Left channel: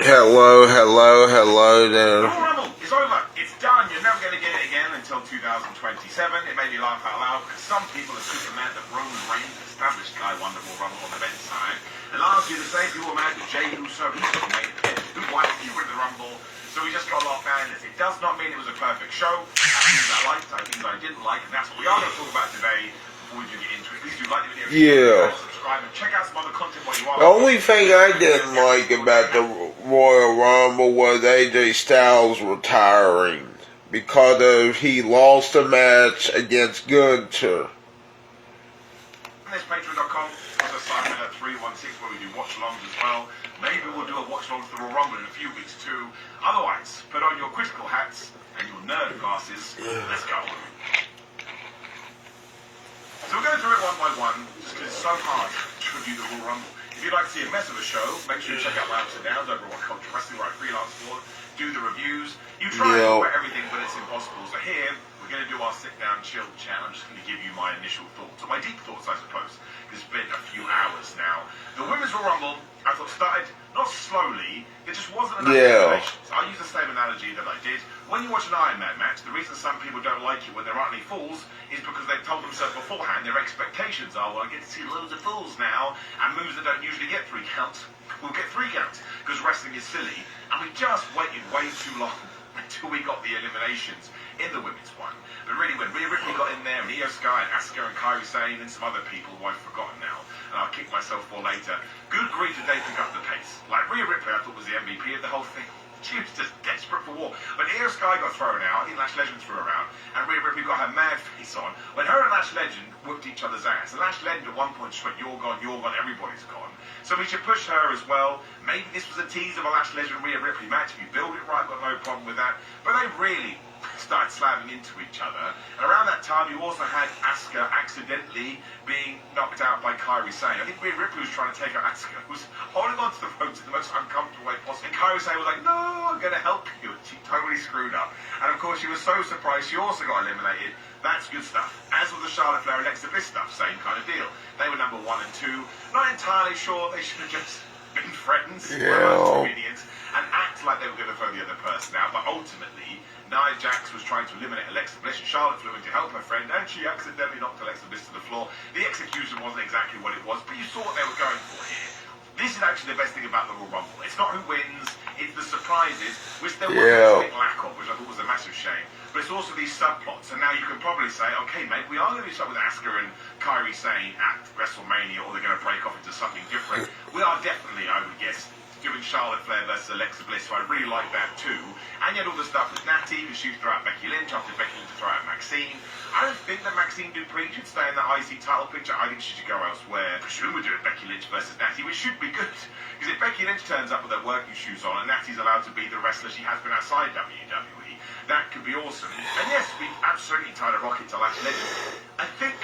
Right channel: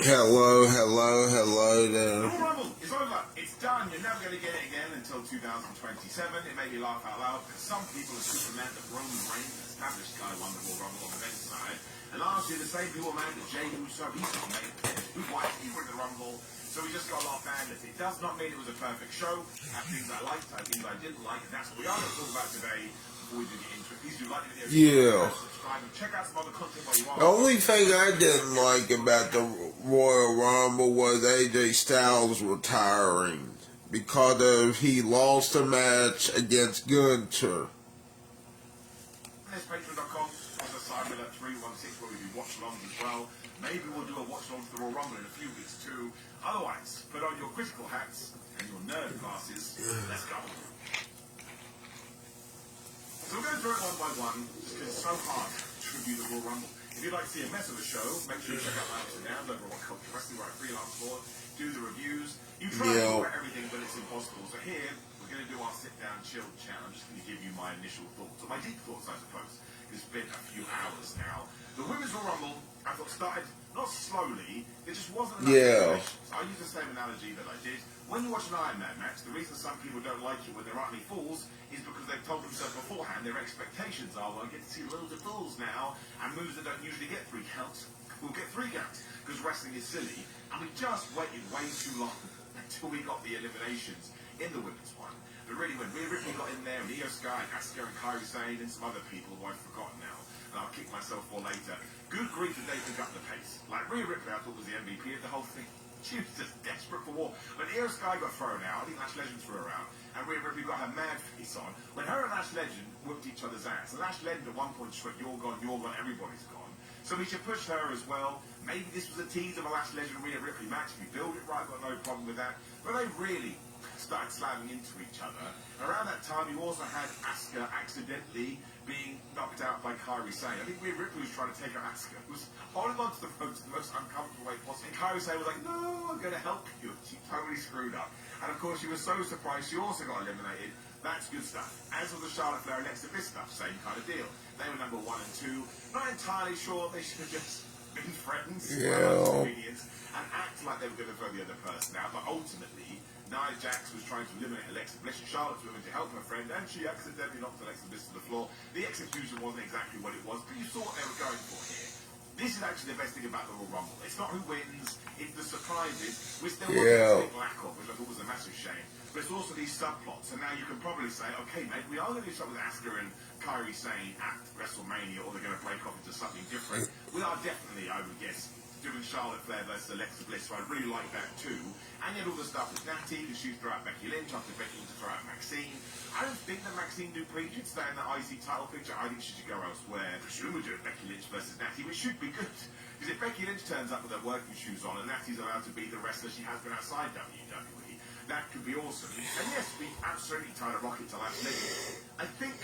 Hello there. Royal Rumble is over. It's done. You're never going to get it again until 2027. It made me laugh out loud because some people are super mad that Roman Reigns established Guy won the Royal Rumble on the men's side. And last year, the same people were mad that Jey Uso, he's not made it. Who won? He won the Rumble. So we just got a lot of madness. It does not mean it was a perfect show. I things I liked, I things I didn't like, and that's what we are going to talk about today. Before we do get into it, please do like the video. Yeah. Subscribe and check out some other content while you are. The only thing I didn't like about the Royal Rumble was AJ Styles retiring because he lost a match against Gunther. This Patreon.com, also Simon at 316 where we do watch-alongs as well. Maybe we'll do a watch-along for the Royal Rumble in a few weeks too. Otherwise, put on your critical hats and your nerd glasses. Let's go. So we're going through it one by one, just because it's so hard to review the Royal Rumble. If you'd like to see a mess of a show, make sure you check out my ups and downs over at What Culture Wrestling, where I freelance for, do the reviews. You try to do everything, but it's impossible. So here, we're going to do our sit-down chill chat. I'm just going to give you my initial thoughts, or my deep thoughts, I suppose. It's been a few hours now. The Women's Royal Rumble, I thought, started not slowly, there just wasn't enough information. So I'll use the same analogy that I did. When you watch an Iron Man match, the reason some people don't like it when there aren't any falls is because they've told themselves beforehand their expectations are, well, I get to see loads of falls now, and moves that don't usually get 3 counts will get 3 counts, because wrestling is silly. And we just waited way too long until we got the eliminations in the women's one. But really, when Rhea Ripley got in there, and Io Sky and Asuka and Kairi Sane and some other people who I've forgotten now, and I'll kick myself for later, good grief did they pick up the pace. Like Rhea Ripley, I thought was the MVP of the whole thing. She was just desperate for war. When Io Sky got thrown out, I think Lash Legend threw her out, and Rhea Ripley got her mad face on. When her and Lash Legend whooped each other's ass, and Lash Legend at one point just went, you're gone, everybody's gone. So we should push her as well. Maybe this was a tease of a Lash Legend Rhea Ripley match. If you build it right, I've got no problem with that. But they really started slamming into each other. And around that time, you also had Asuka accidentally being knocked out by Kairi Sane. I think Rhea Ripley was trying to take out Asuka, was holding on to the ropes in the most uncomfortable way possible. And Kairi Sane was like, no, I'm going to help you. She totally screwed up. And of course, she was so surprised she also got eliminated. That's good stuff. As with the Charlotte Flair and Alexa Bliss stuff, same kind of deal. They were number 1 and 2. Not entirely sure they should have just been friends and act like they were going to throw the other person out. But ultimately, Nia Jax was trying to eliminate Alexa Bliss, and Charlotte flew in to help her friend, and she accidentally knocked Alexa Bliss to the floor. The execution wasn't exactly what it was, but you saw what they were going for here. This is actually the best thing about the Royal Rumble. It's not who wins, it's the surprises, which there was a big lack of, which I thought was a massive shame. But it's also these subplots, and now you can probably say, okay, mate, we are going to do something with Asuka and Kairi Sane at WrestleMania, or they're going to break off into something different. We are definitely, I would guess, doing Charlotte Flair versus Alexa Bliss, so I really like that too. And yet all the stuff with Natty, who she threw out Becky Lynch, after Becky Lynch to throw out Maxine. I don't think that Maxine Dupree should stay in that IC title picture. I think she should go elsewhere. Presumably doing Becky Lynch versus Natty, which should be good. Because if Becky Lynch turns up with her working shoes on and Natty's allowed to be the wrestler she has been outside WWE, that could be awesome. And yes, we absolutely tied a rocket to Lash Legend. I think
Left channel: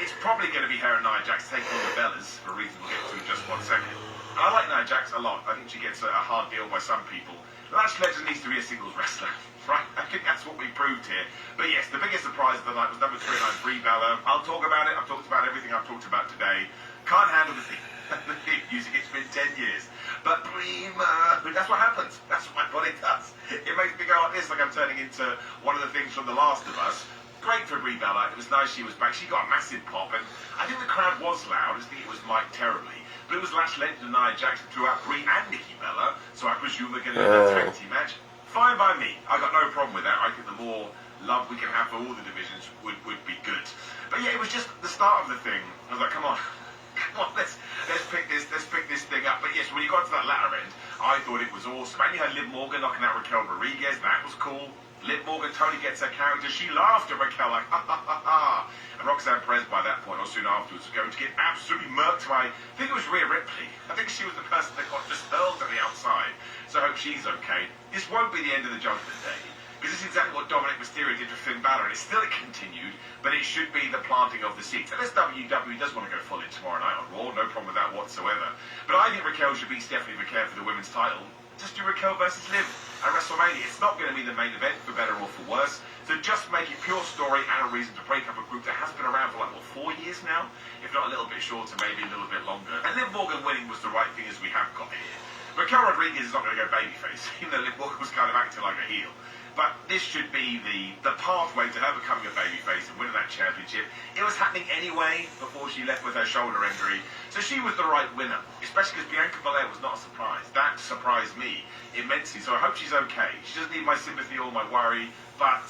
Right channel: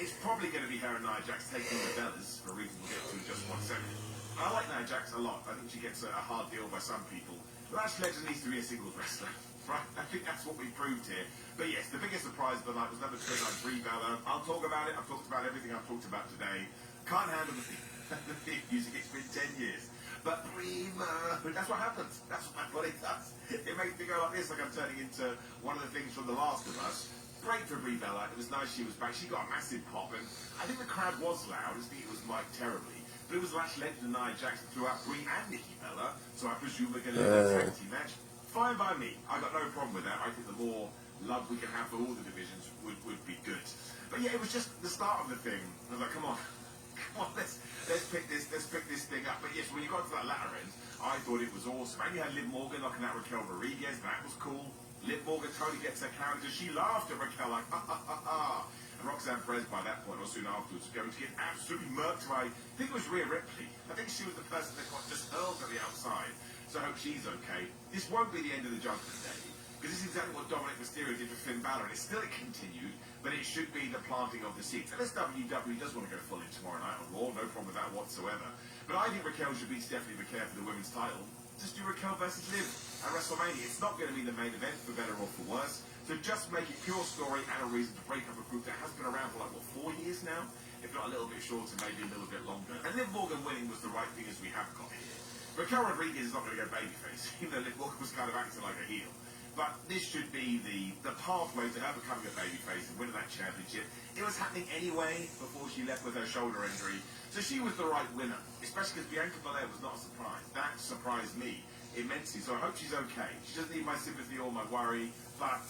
it's probably going to be her and Nia Jax taking on the Bellas, for reasons we'll get to in just 1 second. I like Nia Jax a lot. I think she gets a hard deal by some people. Lash Legend needs to be a singles wrestler, right? I think that's what we proved here. But yes, the biggest surprise of the night was number 39, Brie Bella. I'll talk about it. I've talked about everything I've talked about today. Can't handle the theme music. It's been 10 years. But Brie, that's what happens. That's what my body does. It makes me go like this, like I'm turning into one of the things from The Last of Us. Great for Brie Bella. It was nice she was back. She got a massive pop, and I think the crowd was loud. I just think it was mic'd terribly. But it was Lash Legend and Nia Jax throughout Brie and Nikki Bella, so I presume they're going to do that tag team match. Fine by me. I got no problem with that. I think the more love we can have for all the divisions would be good. But yeah, it was just the start of the thing. I was like, come on, let's pick this thing up. But yes, when you got to that latter end, I thought it was awesome. And you had Liv Morgan knocking out Raquel Rodriguez. That was cool. Liv Morgan totally gets her character. She laughed at Raquel like, ha ha ha ha. And Roxanne Perez by that point, or soon afterwards, was going to get absolutely murked by, I think it was Rhea Ripley. I think she was the person that got just hurled on the outside. So I hope she's okay. This won't be the end of the Judgment Day, because this is exactly what Dominic Mysterio did with Finn Balor. It's still continued, but it should be the planting of the seeds. Unless WWE does want to go full in tomorrow night on Raw, no problem with that whatsoever. But I think Raquel should beat Stephanie McCare for the women's title. Just do Raquel versus Liv at WrestleMania. It's not going to be the main event, for better or for worse. So just make it pure story and a reason to break up a group that has been around for like, what, 4 years now? If not a little bit shorter, maybe a little bit longer. And Liv Morgan winning was the right thing, as we have got here. Raquel Rodriguez is not going to go babyface, even though Liv Morgan was kind of acting like a heel. But this should be the pathway to her becoming a babyface and winning that championship. It was happening anyway before she left with her shoulder injury. So she was the right winner, especially because Bianca Belair was not a surprise. That surprised me immensely. So I hope she's okay. She doesn't need my sympathy or my worry, but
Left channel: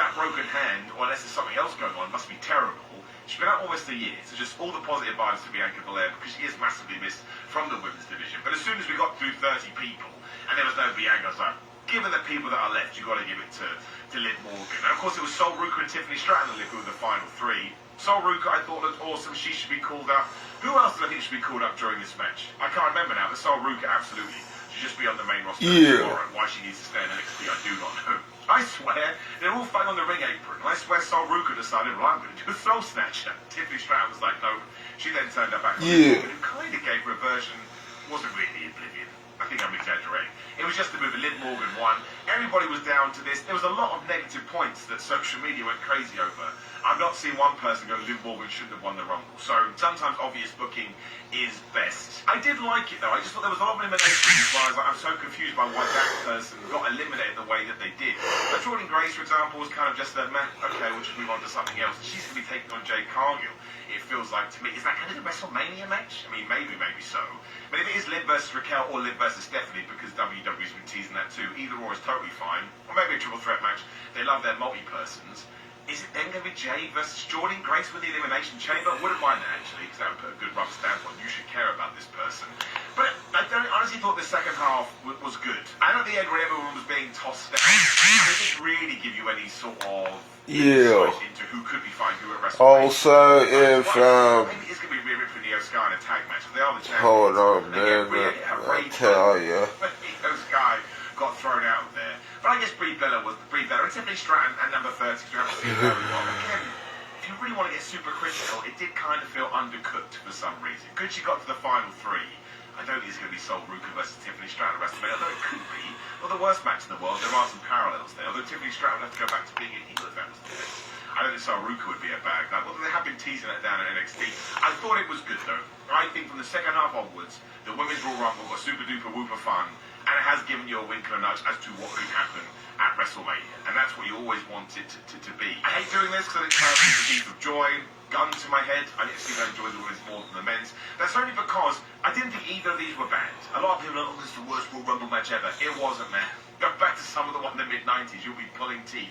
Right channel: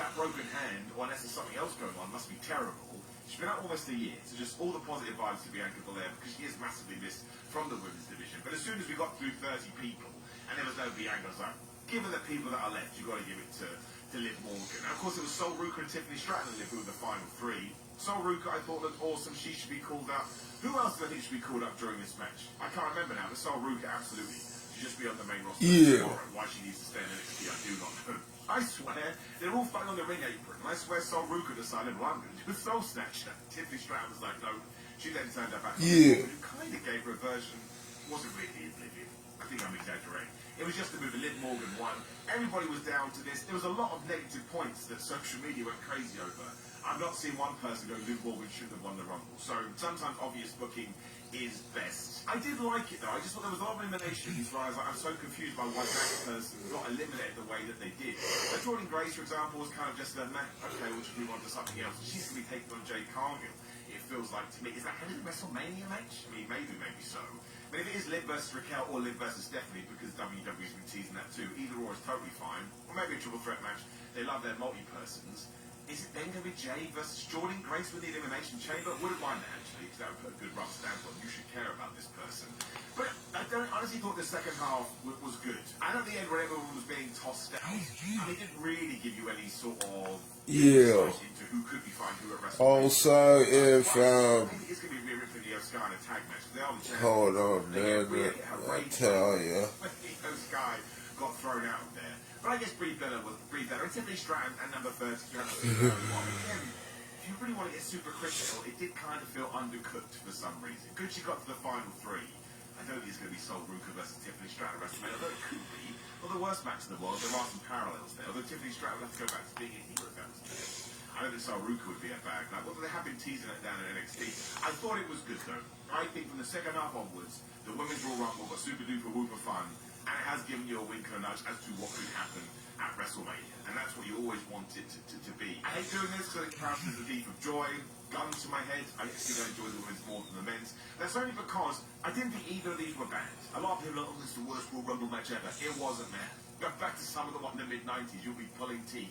that broken hand, or unless there's something else going on, must be terrible. She's been out almost a year, so just all the positive vibes to Bianca Belair because she is massively missed from the women's division. But as soon as we got through 30 people and there was no Bianca, I was like, given the people that are left, you've got to give it to Liv Morgan. And of course, it was Sol Ruka and Tiffany Stratton who were the final three. Sol Ruka, I thought, looked awesome. She should be called up. Who else did I think should be called up during this match? I can't remember now, but Sol Ruka absolutely should just be on the main roster tomorrow. Why she needs to stay in NXT, I do not know. I swear, they're all fighting on the ring apron. And I swear Sol Ruka decided, well, I'm going to do a Soul Snatcher. Tiffany Stratton was like, nope. She then turned her back to Liv Morgan, who kind of gave her a version, wasn't really Oblivion. I think I'm exaggerating. It was just a move, and Liv Morgan won. Everybody was down to this. There was a lot of negative points that social media went crazy over. I've not seen one person go, Liv Morgan shouldn't have won the Rumble. So sometimes obvious booking is best. I did like it though. I just thought there was a lot of eliminations where I was like, I'm so confused by why that person got eliminated the way that they did. But Jordan Grace, for example, was kind of just a meh, okay, we'll just move on to something else. She's going to be taking on Jade Cargill. It feels like to me, is that going to be a WrestleMania match? I mean, maybe so. But if it is Liv versus Raquel or Liv versus Stephanie, because WWE's been teasing that too, either or is totally fine. Or maybe a triple threat match. They love their multi-persons. Is it then going to be Jade versus Jordan Grace with the Elimination Chamber? Wouldn't mind that actually, because that would put a good rubber stamp on. You should care about this person. But I honestly thought the second half was good. And at the end, when everyone was being tossed down, it didn't really give you any sort of insight into who could be fighting who at WrestleMania. Also, if maybe it's going to be Rhea Ripley and Io Sky in a tag match. They are the champions. hold on, man. I tell you. Io Sky got thrown out there. But I guess Brie Bella and Tiffany Stratton and number 30. Again, if you really want to get super critical, it did kind of feel undercooked for some reason. Good she got to the final three. I don't think it's going to be Sol Ruka versus Tiffany Stratton at WrestleMania, although it could be. Well, the worst match in the world, there are some parallels there. Although Tiffany Stratton would have to go back to being a heel if that was the case. I don't think Sol Ruka would be a bad guy. Well, they have been teasing it down in NXT. I thought it was good, though. I think from the second half onwards, the Women's Royal Rumble was super duper whooper fun, and it has given you a wink and a nudge as to what could happen at WrestleMania. And that's what you always wanted to be. I hate doing this because it kind of gives a beat of joy. Gun to my head, I didn't think I enjoyed the women's more than the men's. That's only because I didn't think either of these were bad. A lot of people are like, oh, this is the worst Royal Rumble match ever. It wasn't, man. Go back to some of the one in the mid-90s, you'll be pulling teeth.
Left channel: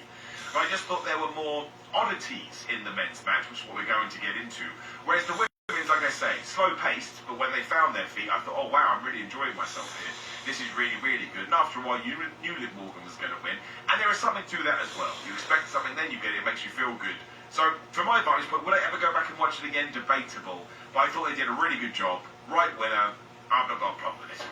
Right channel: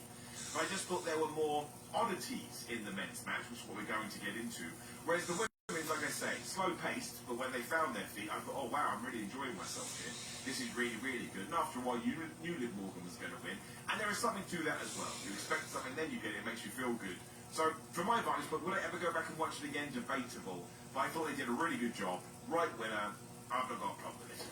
But I just thought there were more oddities in the men's match, which is what we're going to get into. Whereas the women's, like I say, slow-paced, but when they found their feet, I thought, oh, wow, I'm really enjoying myself here. This is really, really good. And after a while, you knew Liv Morgan was going to win. And there is something to that as well. You expect something, then you get it. It makes you feel good. So, from my vantage point, would I ever go back and watch it again? Debatable. But I thought they did a really good job. Right winner. I've not got a problem with it.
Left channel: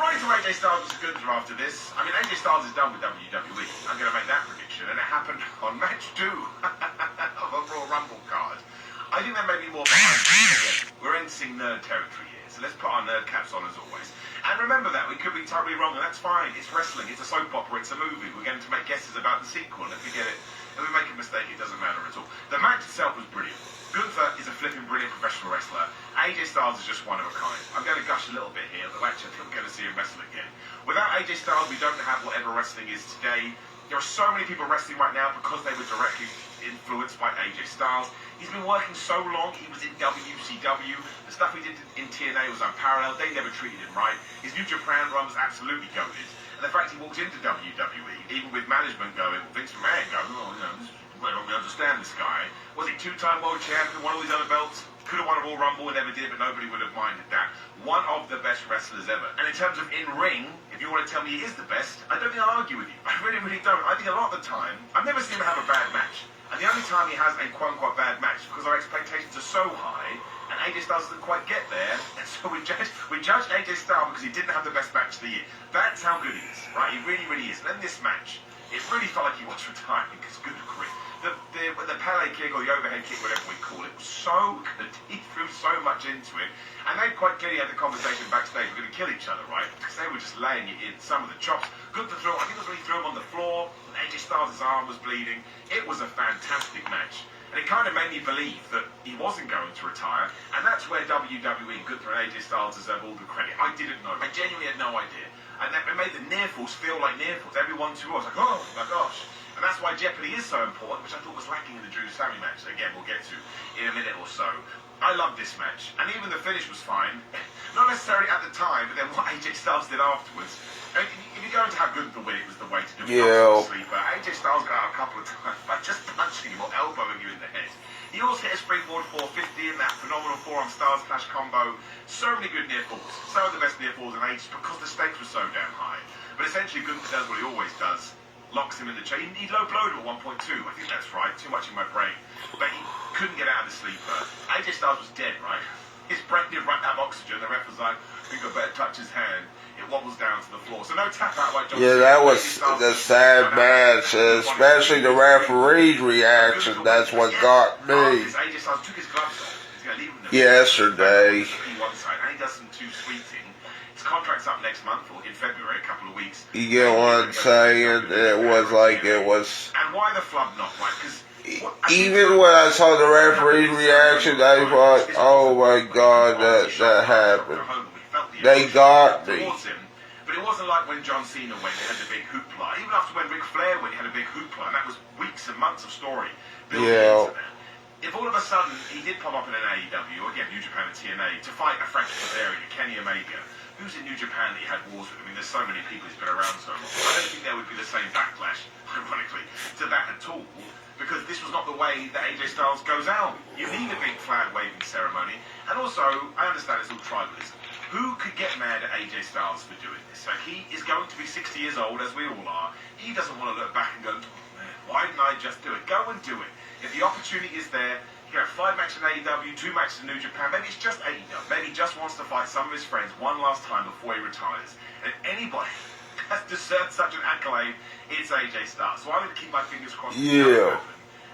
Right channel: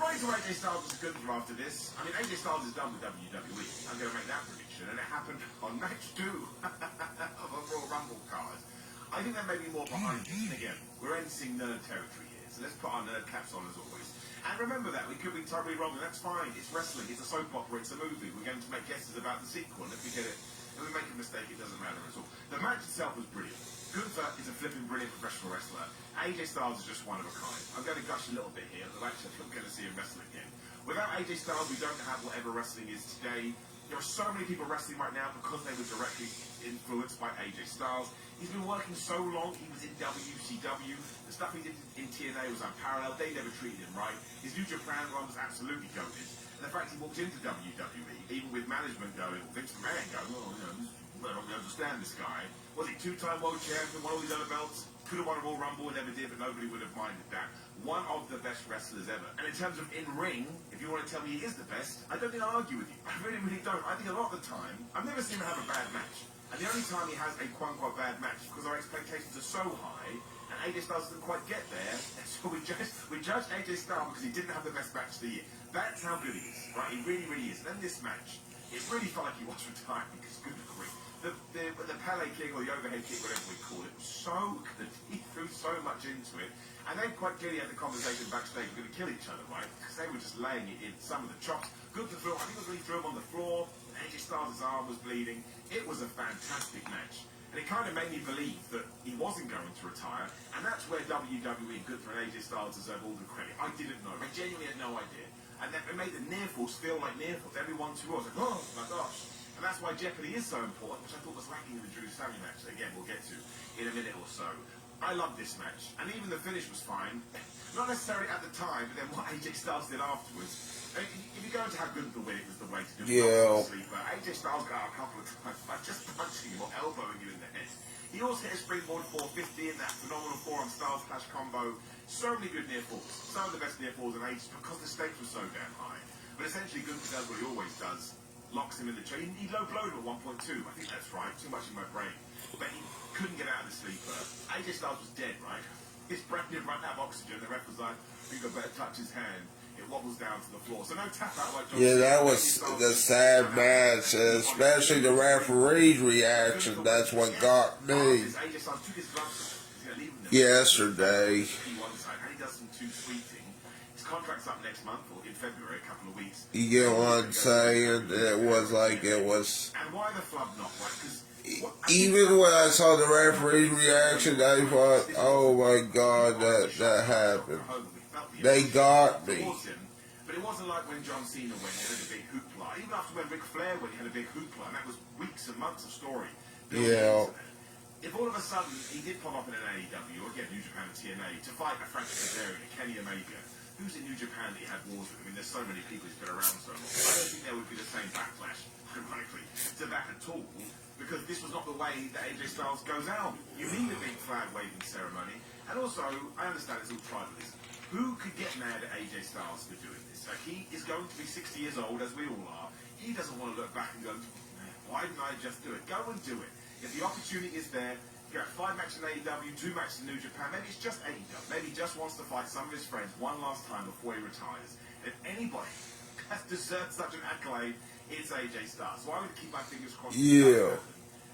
Right to AJ Styles was good after this. I mean, AJ Styles is done with WWE. I'm going to make that prediction. And it happened on match 2 of a Royal Rumble card. I think there may be more behind it. We're entering nerd territory here. So let's put our nerd caps on as always. And remember that, we could be totally wrong, and that's fine. It's wrestling, it's a soap opera, it's a movie. We're going to make guesses about the sequel, and if we get it, if we make a mistake, it doesn't matter at all. The match itself was brilliant. Gunther is a flipping brilliant professional wrestler. AJ Styles is just one of a kind. I'm going to gush a little bit here, but actually I'm going to see him wrestle again. Without AJ Styles, we don't have whatever wrestling is today. There are so many people wrestling right now because they were directly influenced by AJ Styles. He's been working so long. He was in WCW. The stuff he did in TNA was unparalleled. They never treated him right. His New Japan run was absolutely goated. And the fact he walked into WWE, even with management going, Vince McMahon going, oh, you know, I don't really understand this guy. Was he two-time world champion, one of these other belts? Could have won a Royal Rumble and never did, but nobody would have minded that. One of the best wrestlers ever. And in terms of in-ring, if you want to tell me he is the best, I don't think I'll argue with you. I really, really don't. I think a lot of the time, I've never seen him have a bad match. And the only time he has a quote-unquote bad match is because our expectations are so high, and AJ Styles doesn't quite get there, and so we judged AJ Styles because he didn't have the best match of the year. That's how good he is, right? He really, really is. And then this match, it really felt like he was retiring, because good grief. The Pele kick or the overhead kick, whatever we call it, was so good. He threw so much into it. And they quite clearly had the conversation backstage, we're going to kill each other, right? Because they were just laying it in. Some of the chops. Good to throw. I think it was when he threw him on the floor. AJ Styles' arm was bleeding. It was a fantastic match. And it kind of made me believe that he wasn't going to retire. And that's where WWE and good for AJ Styles deserve all the credit. I didn't know. I genuinely had no idea. And it made the near falls feel like near falls. Every 1-2 I was like, oh my gosh. And that's why Jeopardy is so important, which I thought was lacking in the Drew Sammy match. Again, we'll get to in a minute or so. I loved this match, and even the finish was fine. Not necessarily at the time, but then what AJ Styles did afterwards. I mean, if you're going to have good the win, it was the way to do it. Yeah. Sleeper. AJ Styles got out a couple of times by just punching him or elbowing you in the head. He also hit a springboard 450 in that phenomenal forearm Styles Clash combo. So many good near falls. Some of the best near falls in ages because the stakes were so damn high. But essentially, Gunther does what he always does. Locks him in the chain. He low blowed him at 1.2. I think that's right. Too much in my brain. But he couldn't get out of the sleeper. AJ Styles was dead, right? His brain didn't run out of oxygen. The ref was like, I think I better touch his hand. It wobbles down to the floor. So no tap out like John Yeah, that was the sad match, especially the referee's reaction. That's what got me. AJ Styles took his gloves off. He's going to leave them Yesterday. One side, and he does some too sweeting. His contract's up next month, or in February, a couple of weeks. You get what I'm saying? It was like it was. And why the flub not? Right? Because even when I saw the referee's reaction, I thought, oh my God, that happened. They got me. But it wasn't like when John Cena went, he had the big hoopla. Even after when Ric Flair went, he had a big hoopla, and that was weeks and months of story. Yeah. If all of a sudden he did pop up in an AEW, or again New Japan and TNA, to fight a Frankie Kazarian, Kenny Omega, who's in New Japan that he had wars with? I mean, there's so many people he's been around so long. I don't think there would be the same backlash, ironically, to that at all. Because this was not the way that AJ Styles goes out. You need a big flag waving ceremony. And also, I understand it's all tribalism. Who could get mad at AJ Styles for doing this? Like, he is going to be 60 years old, as we all are. He doesn't want to look back and go, oh, man, why didn't I just do it? Go and do it. If the opportunity is there, you have 5 matches in AEW, 2 matches in New Japan. Maybe it's just AEW. Maybe he just wants to fight some of his friends one last time before he retires. And if anybody has deserved such an accolade, it's AJ Styles. So I'm going to keep my fingers crossed. Yeah.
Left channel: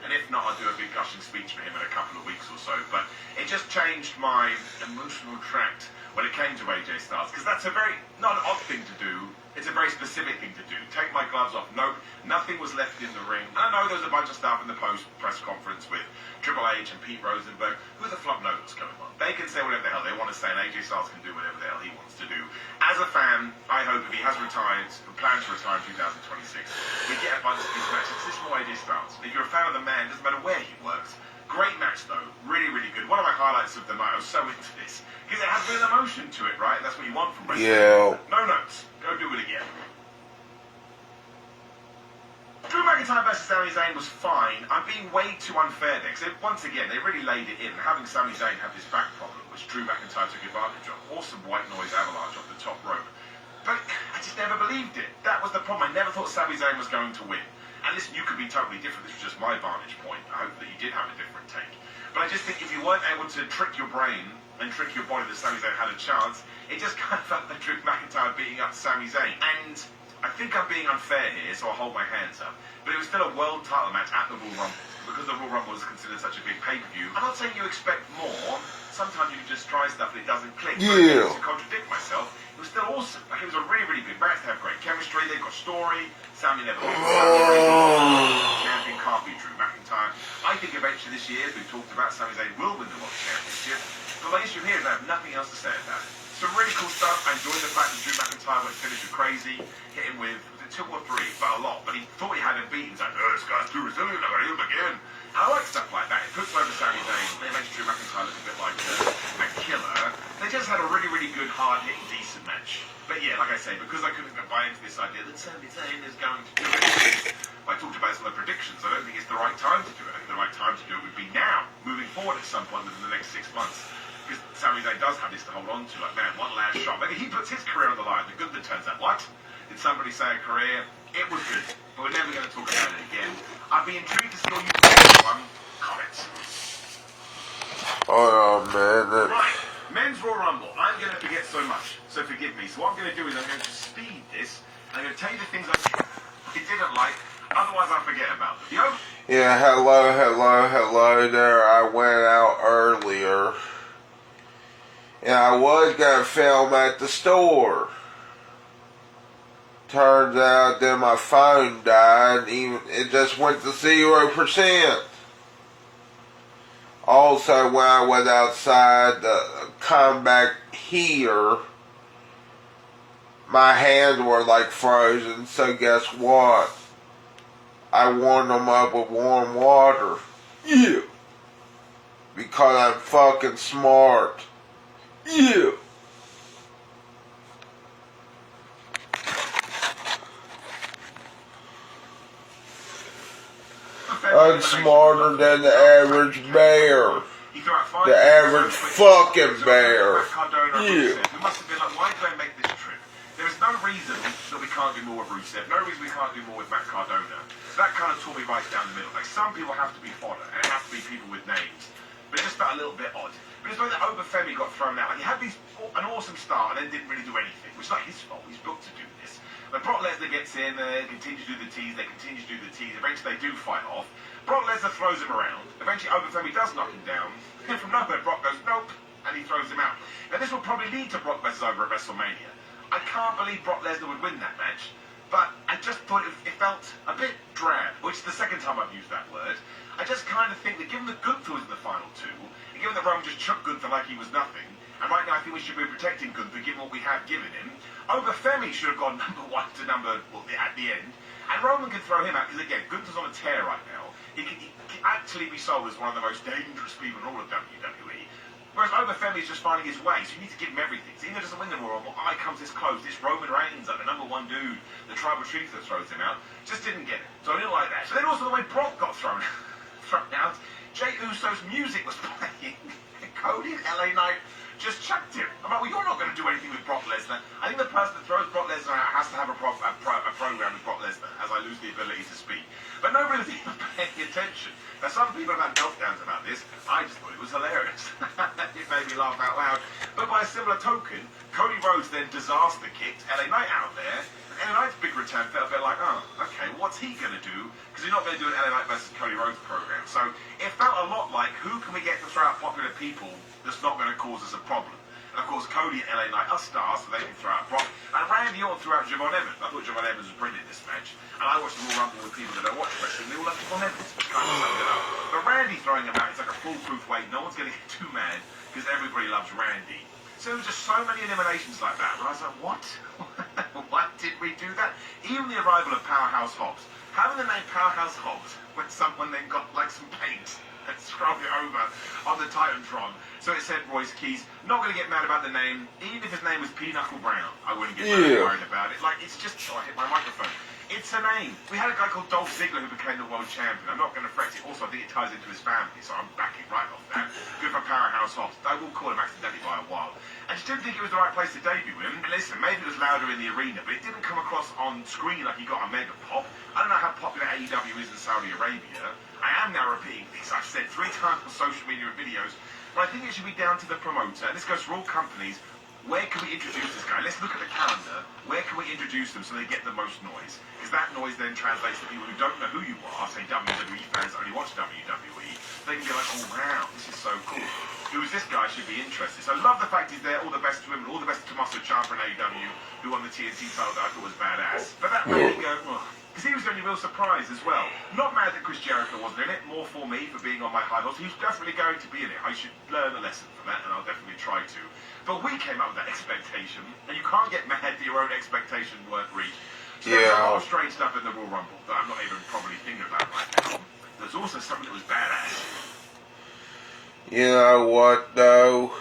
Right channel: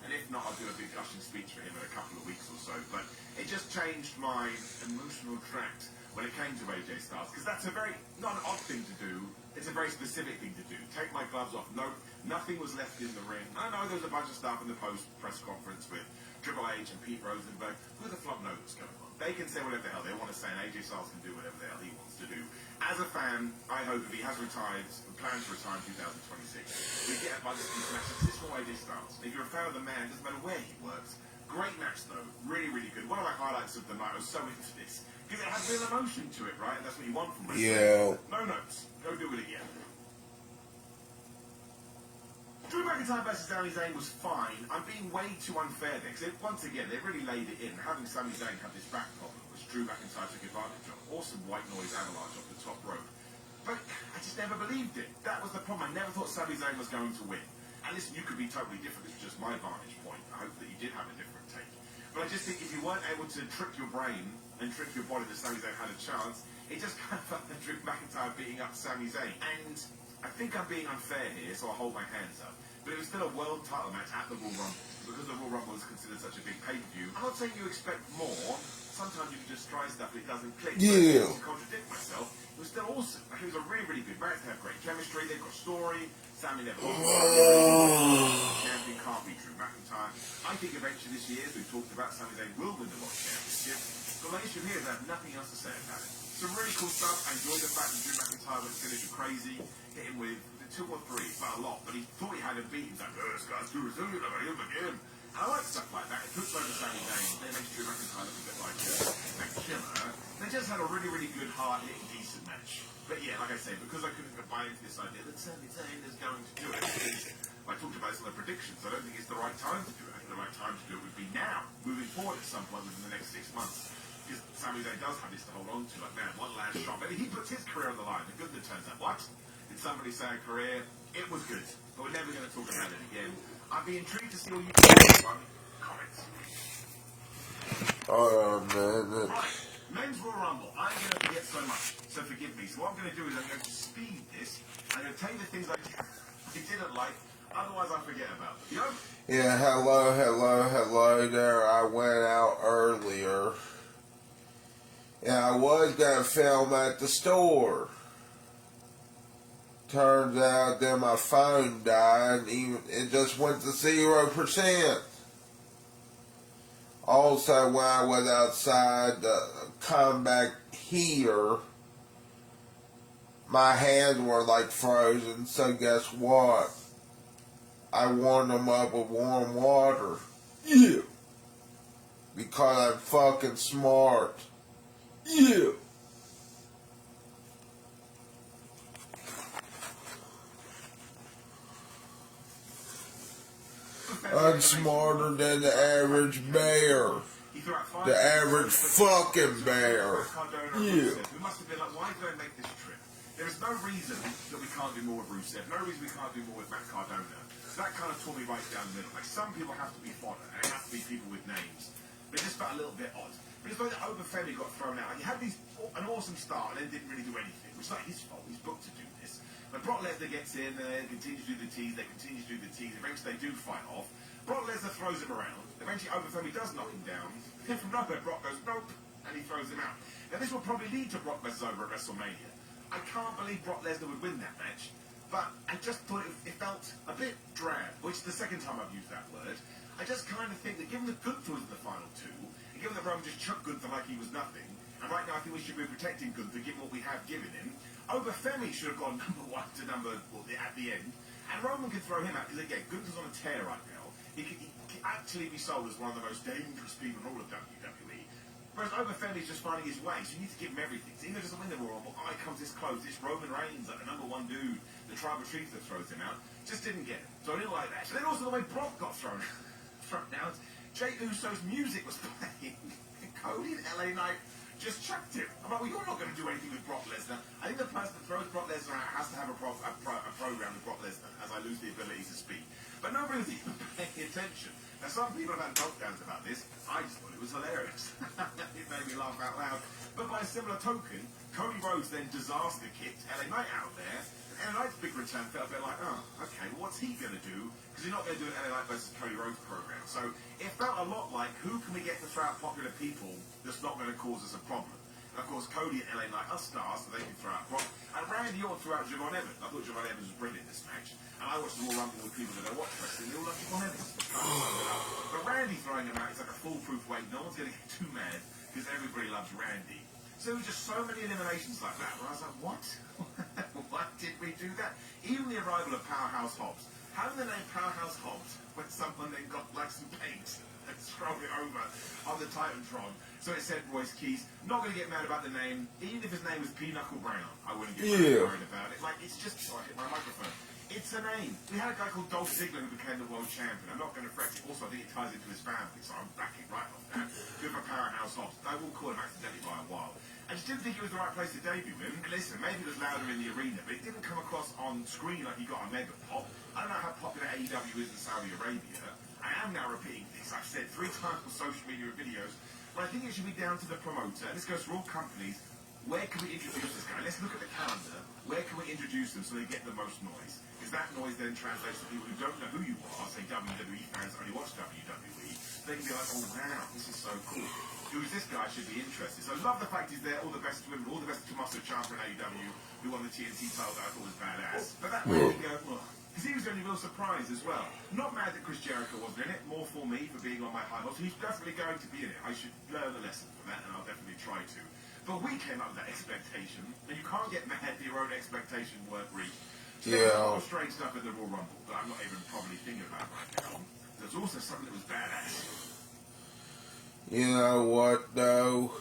And if not, I'll do a big gushing speech for him in a couple of weeks or so. But it just changed my emotional tract when it came to AJ Styles. Because that's a very, not an odd thing to do. It's a very specific thing to do. Take my gloves off. No, nothing was left in the ring. I know there was a bunch of stuff in the post-press conference with Triple H and Pete Rosenberg. Who the flop knows what's going on? They can say whatever the hell they want to say, and AJ Styles can do whatever the hell he wants to do. As a fan, I hope if he has retired, plans to retire in 2026, we get a bunch of these matches. This is more AJ Styles. If you're a fan of the man, it doesn't matter where he works. Great match, though. Really, really good. One of my highlights of the night. I was so into this. Because it has a bit of emotion to it, right? That's what you want from wrestling. Yeah. No notes. Go do it again. Drew McIntyre versus Sami Zayn was fine. I'm being way too unfair there. Because once again, they really laid it in. Having Sami Zayn have this back problem, which Drew McIntyre took advantage of. Awesome white noise avalanche off the top rope. But I just never believed it. That was the problem. I never thought Sami Zayn was going to win. And listen, you could be totally different. This was just my vantage point. I hope that you did have a different take. But I just think if you weren't able to trick your brain and trick your body that Sami Zayn had a chance, it just kind of felt like Drew McIntyre beating up Sami Zayn. And I think I'm being unfair here, so I'll hold my hands up. But it was still a world title match at the Royal Rumble. Because the Royal Rumble is considered such a big pay-per-view, I'm not saying you expect more. Sometimes you can just try stuff and it doesn't click. Yeah. But to contradict myself, it was still awesome. Like, it was a really, really good match. They have great chemistry. They've got story. Sami never champion can't be Drew McIntyre. I think eventually this year, as we've talked about, Sami Zayn will win the World Championship. But the issue here is I have nothing else to say about it. Some really cool stuff. I enjoyed the fact that Drew McIntyre went finished crazy, hit him with 2 or 3, but a lot. But he thought he had him beaten. He's like, oh, this guy's too resilient. I'm going to hit him again. I like stuff like that. It puts over Sami Zayn. They makes Drew McIntyre look a bit like a killer. They just had a really, really good, hard-hitting, decent match. But yeah, like I say, because I couldn't buy into this idea that Sami Zayn is going to do it, I talked about some of the predictions. I don't think it's the right time to do it. I think the right time to do it would be now, moving forward at some point within the next 6 months. Because Sami Zayn does have this to hold on to. Like, man, one last shot. Maybe he puts his career on the line. The good that turns out, what? Did somebody say a career? It was good. But we're never going to talk about it again. I'd be intrigued to see all you comments. Oh, man. Right. Men's Royal Rumble. I'm going to forget so much. So forgive me. So what I'm going to do is I'm going to speed this. I'm going to tell you the things I didn't like. Otherwise, I'll forget about them. Yo? Yeah, hello there. I went out earlier. And I was going to film at the store. Turns out that my phone died. It just went to 0%. Also, when I was outside the combat here, my hands were like frozen, so guess what? I warmed them up with warm water. Yeah. Because I'm fucking smart. Yeah. I'm smarter than the average bear. The average fucking bear. Yeah. We must have been like, why did I make this trip? There is no reason that we can't do more with Rusev. No reason we can't do more with Matt Cardona. So that kind of tore me right down the middle. Like, some people have to be fodder, and it has to be people with names. But it just felt a little bit odd. But it's like that Obafemi got thrown out. Like, he had an awesome start and then didn't really do anything. Which is not his fault. He's booked to do this. But Brock Lesnar gets in, they continue to do the tease, they continue to do the tease. Eventually they do fight off. Brock Lesnar throws him around. Eventually Obafemi does knock him down. And from nowhere, Brock goes, nope, and he throws him out. Now this will probably lead to Brock Lesnar over at WrestleMania. I can't believe Brock Lesnar would win that match. But I just thought it felt a bit drab, which is the second time I've used that word. I just kind of think that given that Gunther was in the final two, and given that Roman just chucked Gunther like he was nothing, and right now I think we should be protecting Gunther given what we have given him, Obafemi should have gone number one to at the end, and Roman can throw him out, because again, Gunther's on a tear right now. He can actually be sold as one of the most dangerous people in all of WWE. Whereas Obafemi is just finding his way, so you need to give him everything. So even though he doesn't win the Royal Rumble, I comes this close. This Roman Reigns, like the number one dude, the tribal chief that throws him out, just didn't get it. So I didn't like that. So then also the way Brock got thrown out, Jey Uso's music was playing, and Cody and LA Knight just chucked him. I'm like, well, you're not going to do anything with Brock Lesnar. I think the person that throws Brock Lesnar out has to have a program with Brock Lesnar, as I lose the ability to speak. But nobody was even paying attention. Now, some people have had meltdowns about this. I just thought it was hilarious. It made me laugh out loud. But by a similar token, Cody Rhodes then disaster kicked LA Knight out there. And LA Knight's big return felt a bit like, oh, okay, what's he going to do? Because he's not going to do an LA Knight versus Cody Rhodes program. So it felt a lot like, who can we get to throw out popular people that's not going to cause us a problem? And of course, Cody and LA Knight are stars, so they can throw out Brock. And Randy Orton threw out Javon Evans. I thought Javon Evans was brilliant in this match. And I watched the Royal Rumble with people that don't watch wrestling. They all love Javon Evans. Which kind of summed it up. But Randy throwing him out, it's like a foolproof way. No one's going to get too mad because everybody loves Randy. So there was just so many eliminations like that. Where I was like, what? Why did we do that? Even the arrival of Powerhouse Hobbs. Having the name Powerhouse Hobbs when someone then got like some paint and scrubbed it over on the Titantron. So it said Royce Keys. Not going to get mad about the name. Even if his name was Pinochle Brown, I wouldn't get worried about it. Like, it's just... Oh, I hit my microphone. It's a name. We had a guy called Dolph Ziggler who became the world champion. I'm not going to fret it. Also, I think it ties into his family, so I'm backing right off that. Good for Powerhouse Hobbs. I will call him accidentally by a while. I just didn't think it was the right place to debut him. And listen, maybe it was louder in the arena, but it didn't come across on screen like he got a mega pop. I don't know how popular AEW is in Saudi Arabia. I am now repeating things I've said 3 times on social media and videos. But I think it should be down to the promoter, and this goes for all companies. Where can we introduce this guy? Let's look at the calendar. Where can we introduce them so they get the most noise? Because that noise then translates to people who don't know who you are, say WWE fans that only watch WWE. They can be like, oh wow, this is so cool. Who's this guy? Should be interested. So I love the fact he's there. All the best to him. All the best to Tommaso Ciampa in AEW, who won the TNT title that I thought was badass. But that made me go, because he was the only real surprise as well. Not mad that Chris Jericho wasn't in it. More for me for being on my high horse. He's definitely going to be in it. I should learn a lesson from that, and I'll definitely try to. But we came up with that expectation, and you can't get mad that your own expectation weren't reached. So there's a lot of strange stuff in the Royal Rumble that I'm not even probably thinking about right now. There's also something that was badass. You know what, though?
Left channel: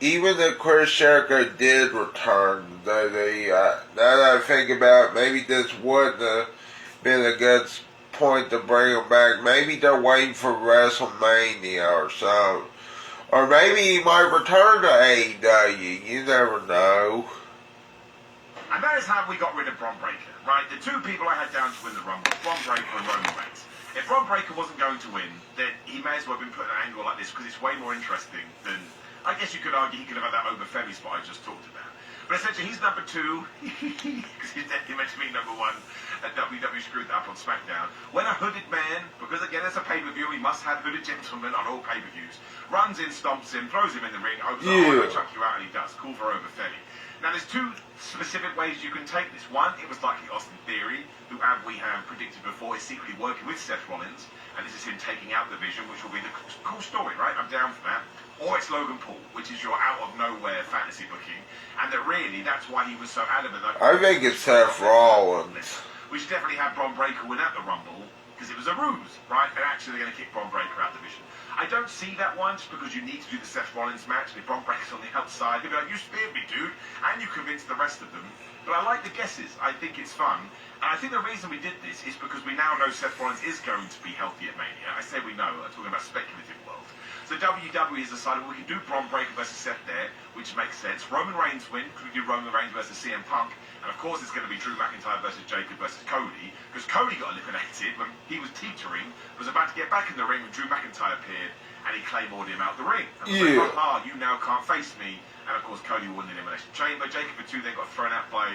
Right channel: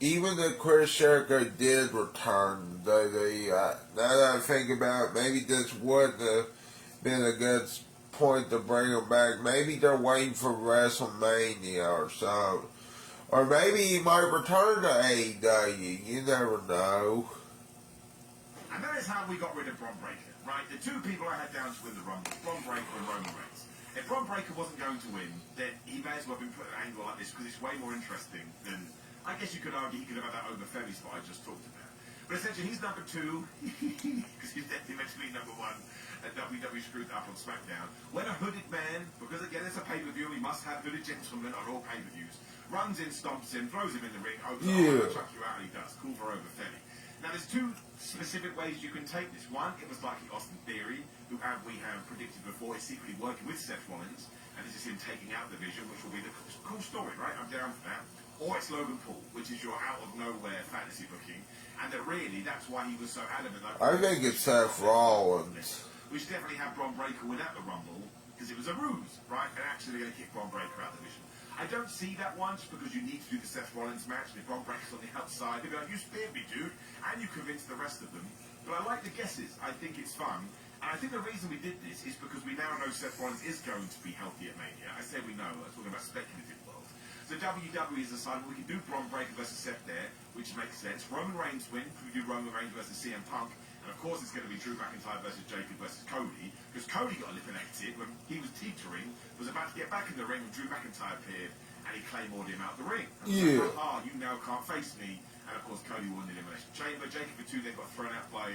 Even if Chris Jericho did return, now that I think about it, maybe this wouldn't have been a good point to bring him back. Maybe they're waiting for WrestleMania or something. Or maybe he might return to AEW. You never know. And that is how we got rid of Bron Breakker, right? The 2 people I had down to win the Rumble, Bron Breakker and Roman Reigns. If Bron Breakker wasn't going to win, then he may as well have been put in an angle like this because it's way more interesting than... I guess you could argue he could have had that Obafemi spot I just talked about. But essentially, he's number 2, because he's definitely meant to be number 1, and WWE screwed that up on SmackDown. When a hooded man, because again, it's a pay-per-view, we must have hooded gentlemen on all pay-per-views, runs in, stomps him, throws him in the ring, I'm going to chuck you out, and he does. Cool for Obafemi. Now, there's 2 specific ways you can take this. One, it was like the Austin Theory. who, as we have predicted before, is secretly working with Seth Rollins, and this is him taking out the Vision, which will be the cool story, right? I'm down for that. Or it's Logan Paul, which is your out-of-nowhere fantasy booking, and that really, that's why he was so adamant. I think it's Seth Rollins. We should definitely have Bron Breakker win at the Rumble, because it was a ruse, right? And actually they're going to kick Bron Breakker out of the Vision. I don't see that one just because you need to do the Seth Rollins match. If Bron Breakker's on the outside, they'll be like, you speared me, dude, and you convinced the rest of them. But I like the guesses. I think it's fun. And I think the reason we did this is because we now know Seth Rollins is going to be healthy at Mania. I say we know, I'm talking about speculative world. So WWE has decided we can do Bron Breakker versus Seth there, which makes sense. Roman Reigns win, because we do Roman Reigns versus CM Punk. And of course it's going to be Drew McIntyre versus Jacob versus Cody, because Cody got eliminated when he was teetering, was about to get back in the ring when Drew McIntyre appeared, and he Claymored him out the ring. And was like, haha, you now can't face me. And of course Cody won the Elimination Chamber. Jacob for 2 then got thrown out by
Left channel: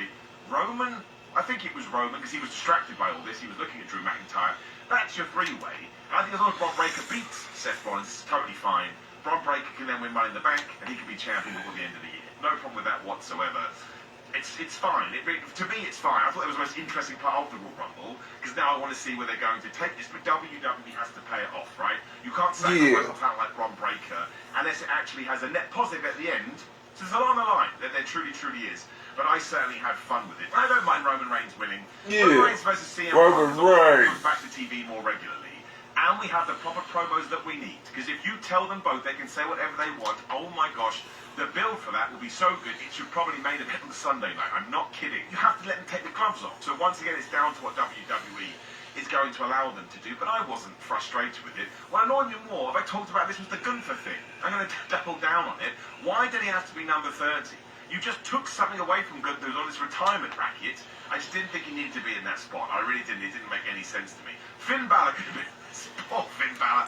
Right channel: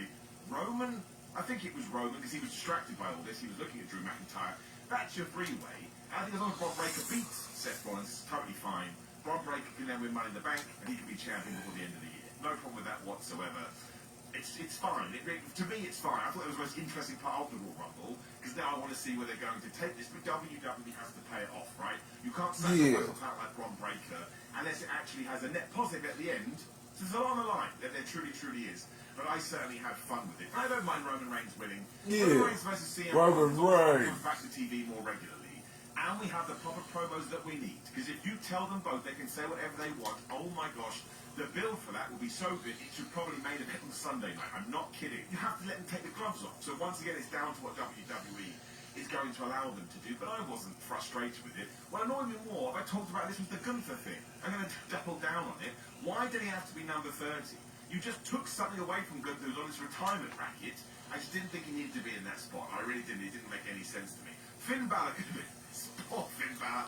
Roman. I think it was Roman, because he was distracted by all this. He was looking at Drew McIntyre. That's your 3-way. And I think as long as Bron Breakker beats Seth Rollins, it's totally fine. Bron Breakker can then win Money in the Bank, and he can be champion before the end of the year. No problem with that whatsoever. It's fine. To me, it's fine. I thought it was the most interesting part of the Royal Rumble, because now I want to see where they're going to take this. But WWE has to pay it off, right? You can't sacrifice a talent like Bron Breakker unless it actually has a net positive at the end. So there's a lot on the line. There truly, truly is. But I certainly had fun with it. I don't mind Roman Reigns winning. Roman Reigns versus CM Punk comes back to TV more regularly. And we have the proper promos that we need. Because if you tell them both, they can say whatever they want. Oh my gosh, the build for that will be so good, it should probably main event on the Sunday night. I'm not kidding. You have to let them take the gloves off. So once again, it's down to what WWE is going to allow them to do. But I wasn't frustrated with it. What annoyed me more, I talked about this, was the Gunther thing. I'm going to double down on it. Why did he have to be number 30? You just took something away from Gunther, who's on this retirement bracket. I just didn't think he needed to be in that spot. I really didn't. It didn't make any sense to me. Finn Balor could have been... Poor Finn Balor.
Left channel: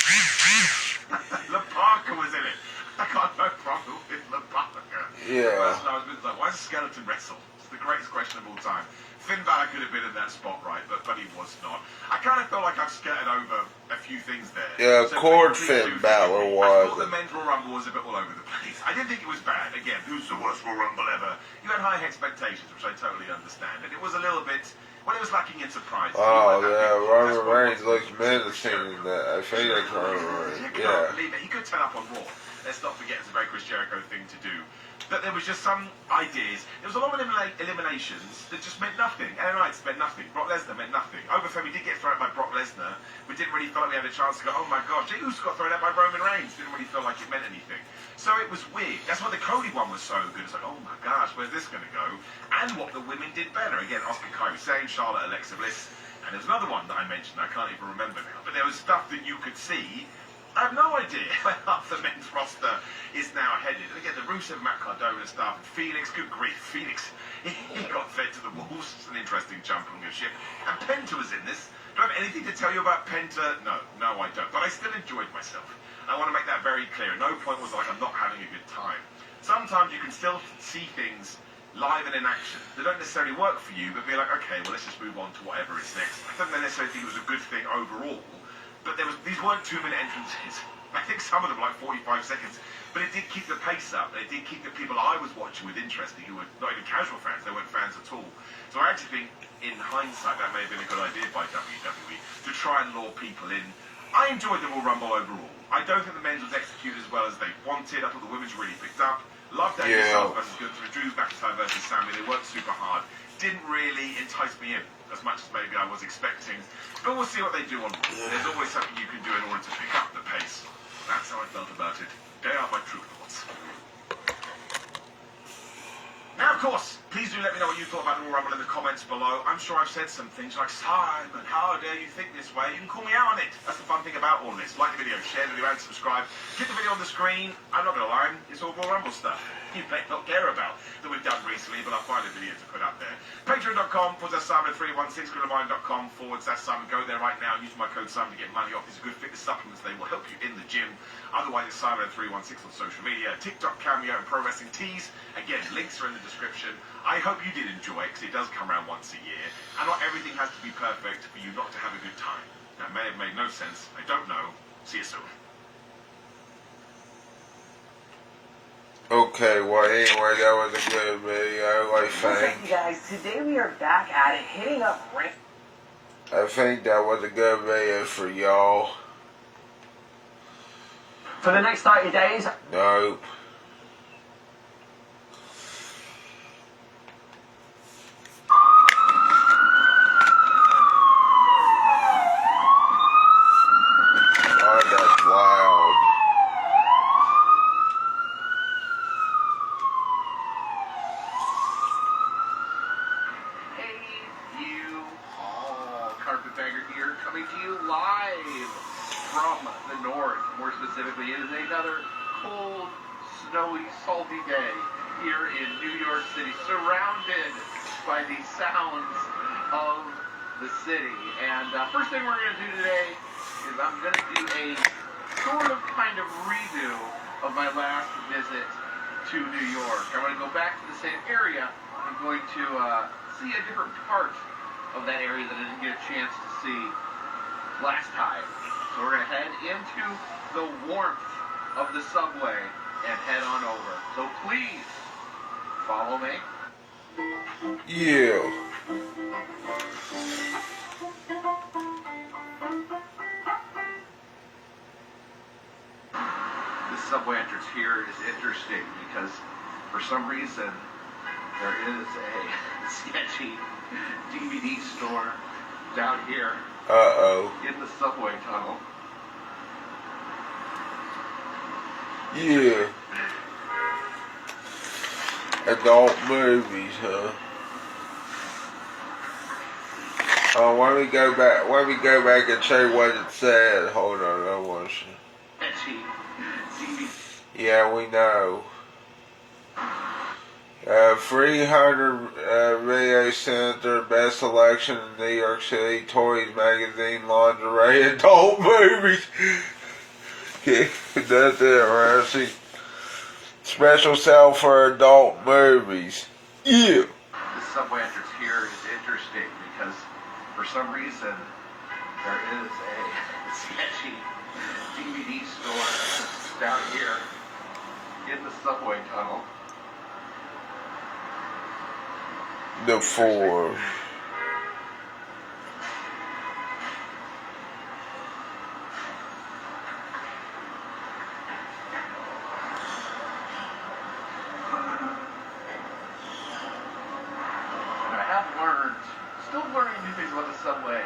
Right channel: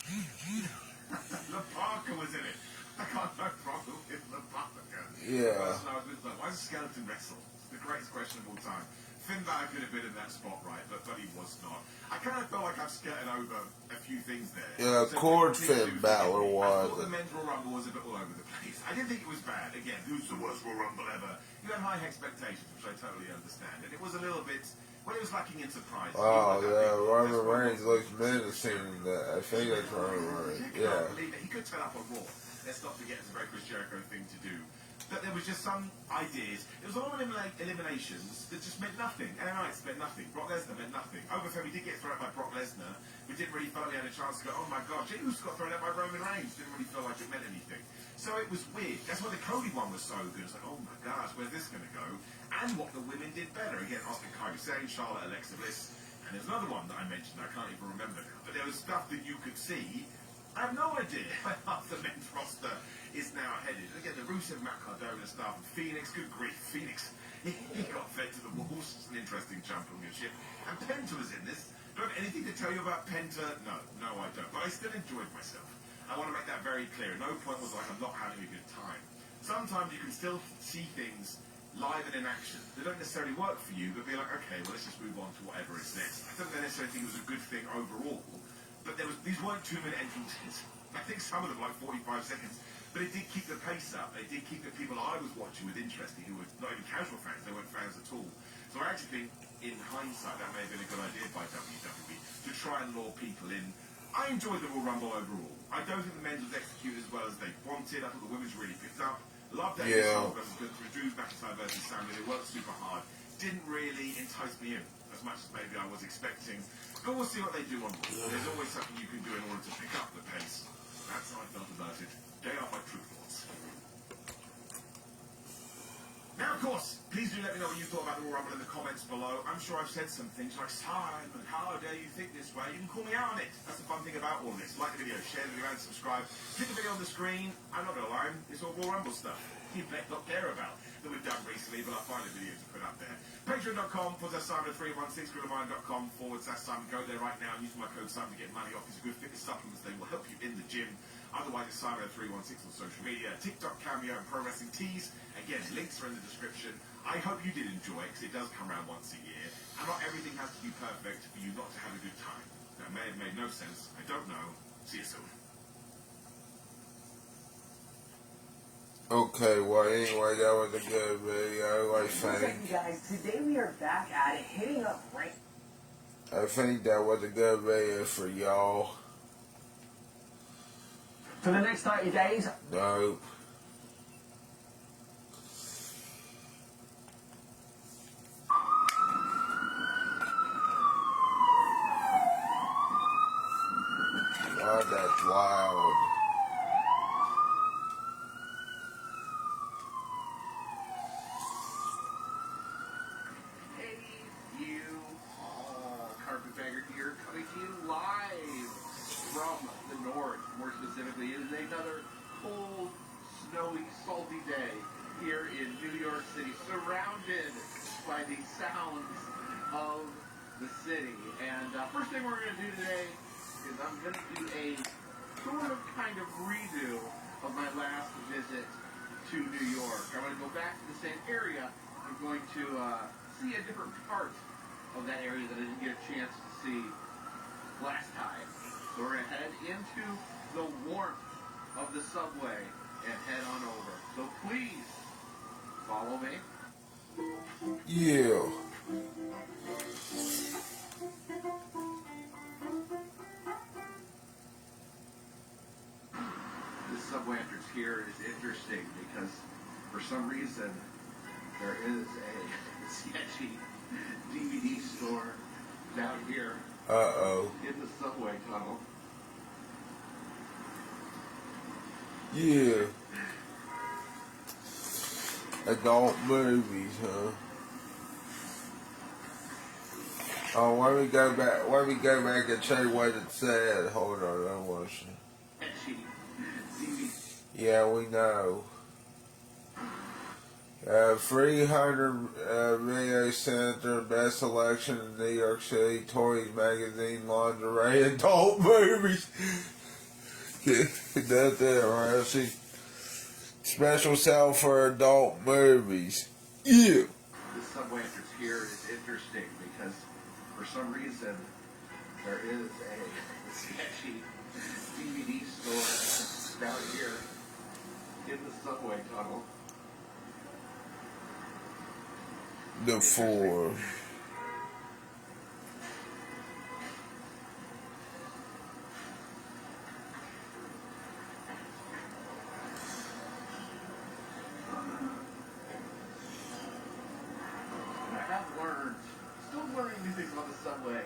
La Parker was in it. I got no problem with La Parker. Yeah. I was like, why does Skeleton wrestle? It's the greatest question of all time. Finn Balor could have been in that spot, right? But he was not. I kind of felt like I've skirted over a few things there. Yeah, so Finn Balor was. I thought the men's Royal Rumble was a bit all over the place. I didn't think it was bad. Again, who's the worst Royal Rumble ever? You had high expectations, which I totally understand. And it was a little bit... Well, it was lacking in surprise. Oh, yeah, Roman Reigns looks menacing in that. I think that's Roman Reigns. Yeah. He could turn up on Raw. Let's not forget, it's a very Chris Jericho thing to do. But there was just some ideas. There was a lot of eliminations that just meant nothing. LA Knights meant nothing. Brock Lesnar meant nothing. Overfemi did get thrown out by Brock Lesnar. We didn't really feel like we had a chance to go, oh my gosh, Uso got thrown out by Roman Reigns. Didn't really feel like it meant anything. So it was weird. That's why the Cody one was so good. It's like, oh my gosh, where's this going to go? And what the women did better. Again, Asuka, Kairi Sane, Charlotte, Alexa Bliss. And there's another one that I mentioned. I can't even remember now. But there was stuff that you could see. I have no idea where half the men's roster is now headed. And again, the Rusev, Matt Cardona stuff, and Phoenix, good grief, Phoenix, he got fed to the wolves. It's an interesting jump on your ship. And Penta was in this. Do I have anything to tell you about Penta? No, I don't. But I still enjoyed myself. I want to make that very clear. No point was like I'm not having a good time. Sometimes you can still see things live and in action. They don't necessarily work for you, but be like, okay, well, let's just move on to whatever is next. I don't necessarily think it was a good thing overall. But these weren't 2-minute entrances. I think some of them like 45 seconds. But it did keep the pace up. It did keep the people I was watching with interest, who were not even casual fans. They weren't fans at all. So I actually think, in hindsight, that may have been a good idea by WWE to try and lure people in. I enjoyed the Royal Rumble overall. I don't think the men's was executed as well as they wanted. I thought the women's really picked up. Loved Daniel versus Gunther, Drew McIntyre versus Sammy. They worked super hard. Didn't really entice me in as much as maybe I was expecting. But we'll see what they do on Raw. There's always something you can do in order to pick up the pace. That's how I felt about it. They are my true thoughts. Now, of course, please do let me know what you thought about the Royal Rumble in the comments below. I'm sure I've said some things like, Simon, how dare you think this way? You can call me out on it. That's the fun thing about all this. Like the video, share the video, and subscribe. Hit the video on the screen. I'm not going to lie, it's all Royal Rumble stuff you may not care about that we've done recently, but I'll find a video to put up there. Patreon.com/Simon316, Simon. Go there right now. Use my code Simon to get money off these good fitness supplements. They will help you in the gym. Otherwise, it's Simon316 on social media, TikTok, Cameo, and Pro Wrestling Tees. Again, links are in the description. I hope you did enjoy it, because it does come around once a year. And not everything has to be perfect for you not to have a good time. That may have made no sense. I don't know. See you soon. Okay, well, anyway, that was a good video. I think. Okay, you guys, today we are back at it, hitting up rank. I think that was a good video for y'all. For the next 30 days? Nope. Oh, that's loud. Hey, you all. Carpetbagger here, coming to you live from the north. More specifically, it is another cold, snowy, salty day here in New York City, surrounded by the sounds of the city. And first thing we're going to do today is I'm going to do a sort of kind of redo of my last visit to New York. I'm going to go back to the same area. I'm going to see a different part of that area that I didn't get a chance to see last time. So we're going to head into the warmth of the subway and head on over. So please follow me. Yeah. This subway entrance here is interesting because for some reason there is a sketchy DVD store down here in the subway tunnel. Yeah. Adult movies, huh? Oh, let me go back and show you what it said. Hold on, I want to. Sketchy DVD. Yeah, we know. 300 Video Center, Best Selection in New York City, Toys Magazine, Lingerie, Adult Movies. Yeah, that's interesting. Special sale for adult movies. Yeah. The subway entrance here is interesting because for some reason there is a sketchy DVD store down here in the subway tunnel. The four. Still learning new things about the subway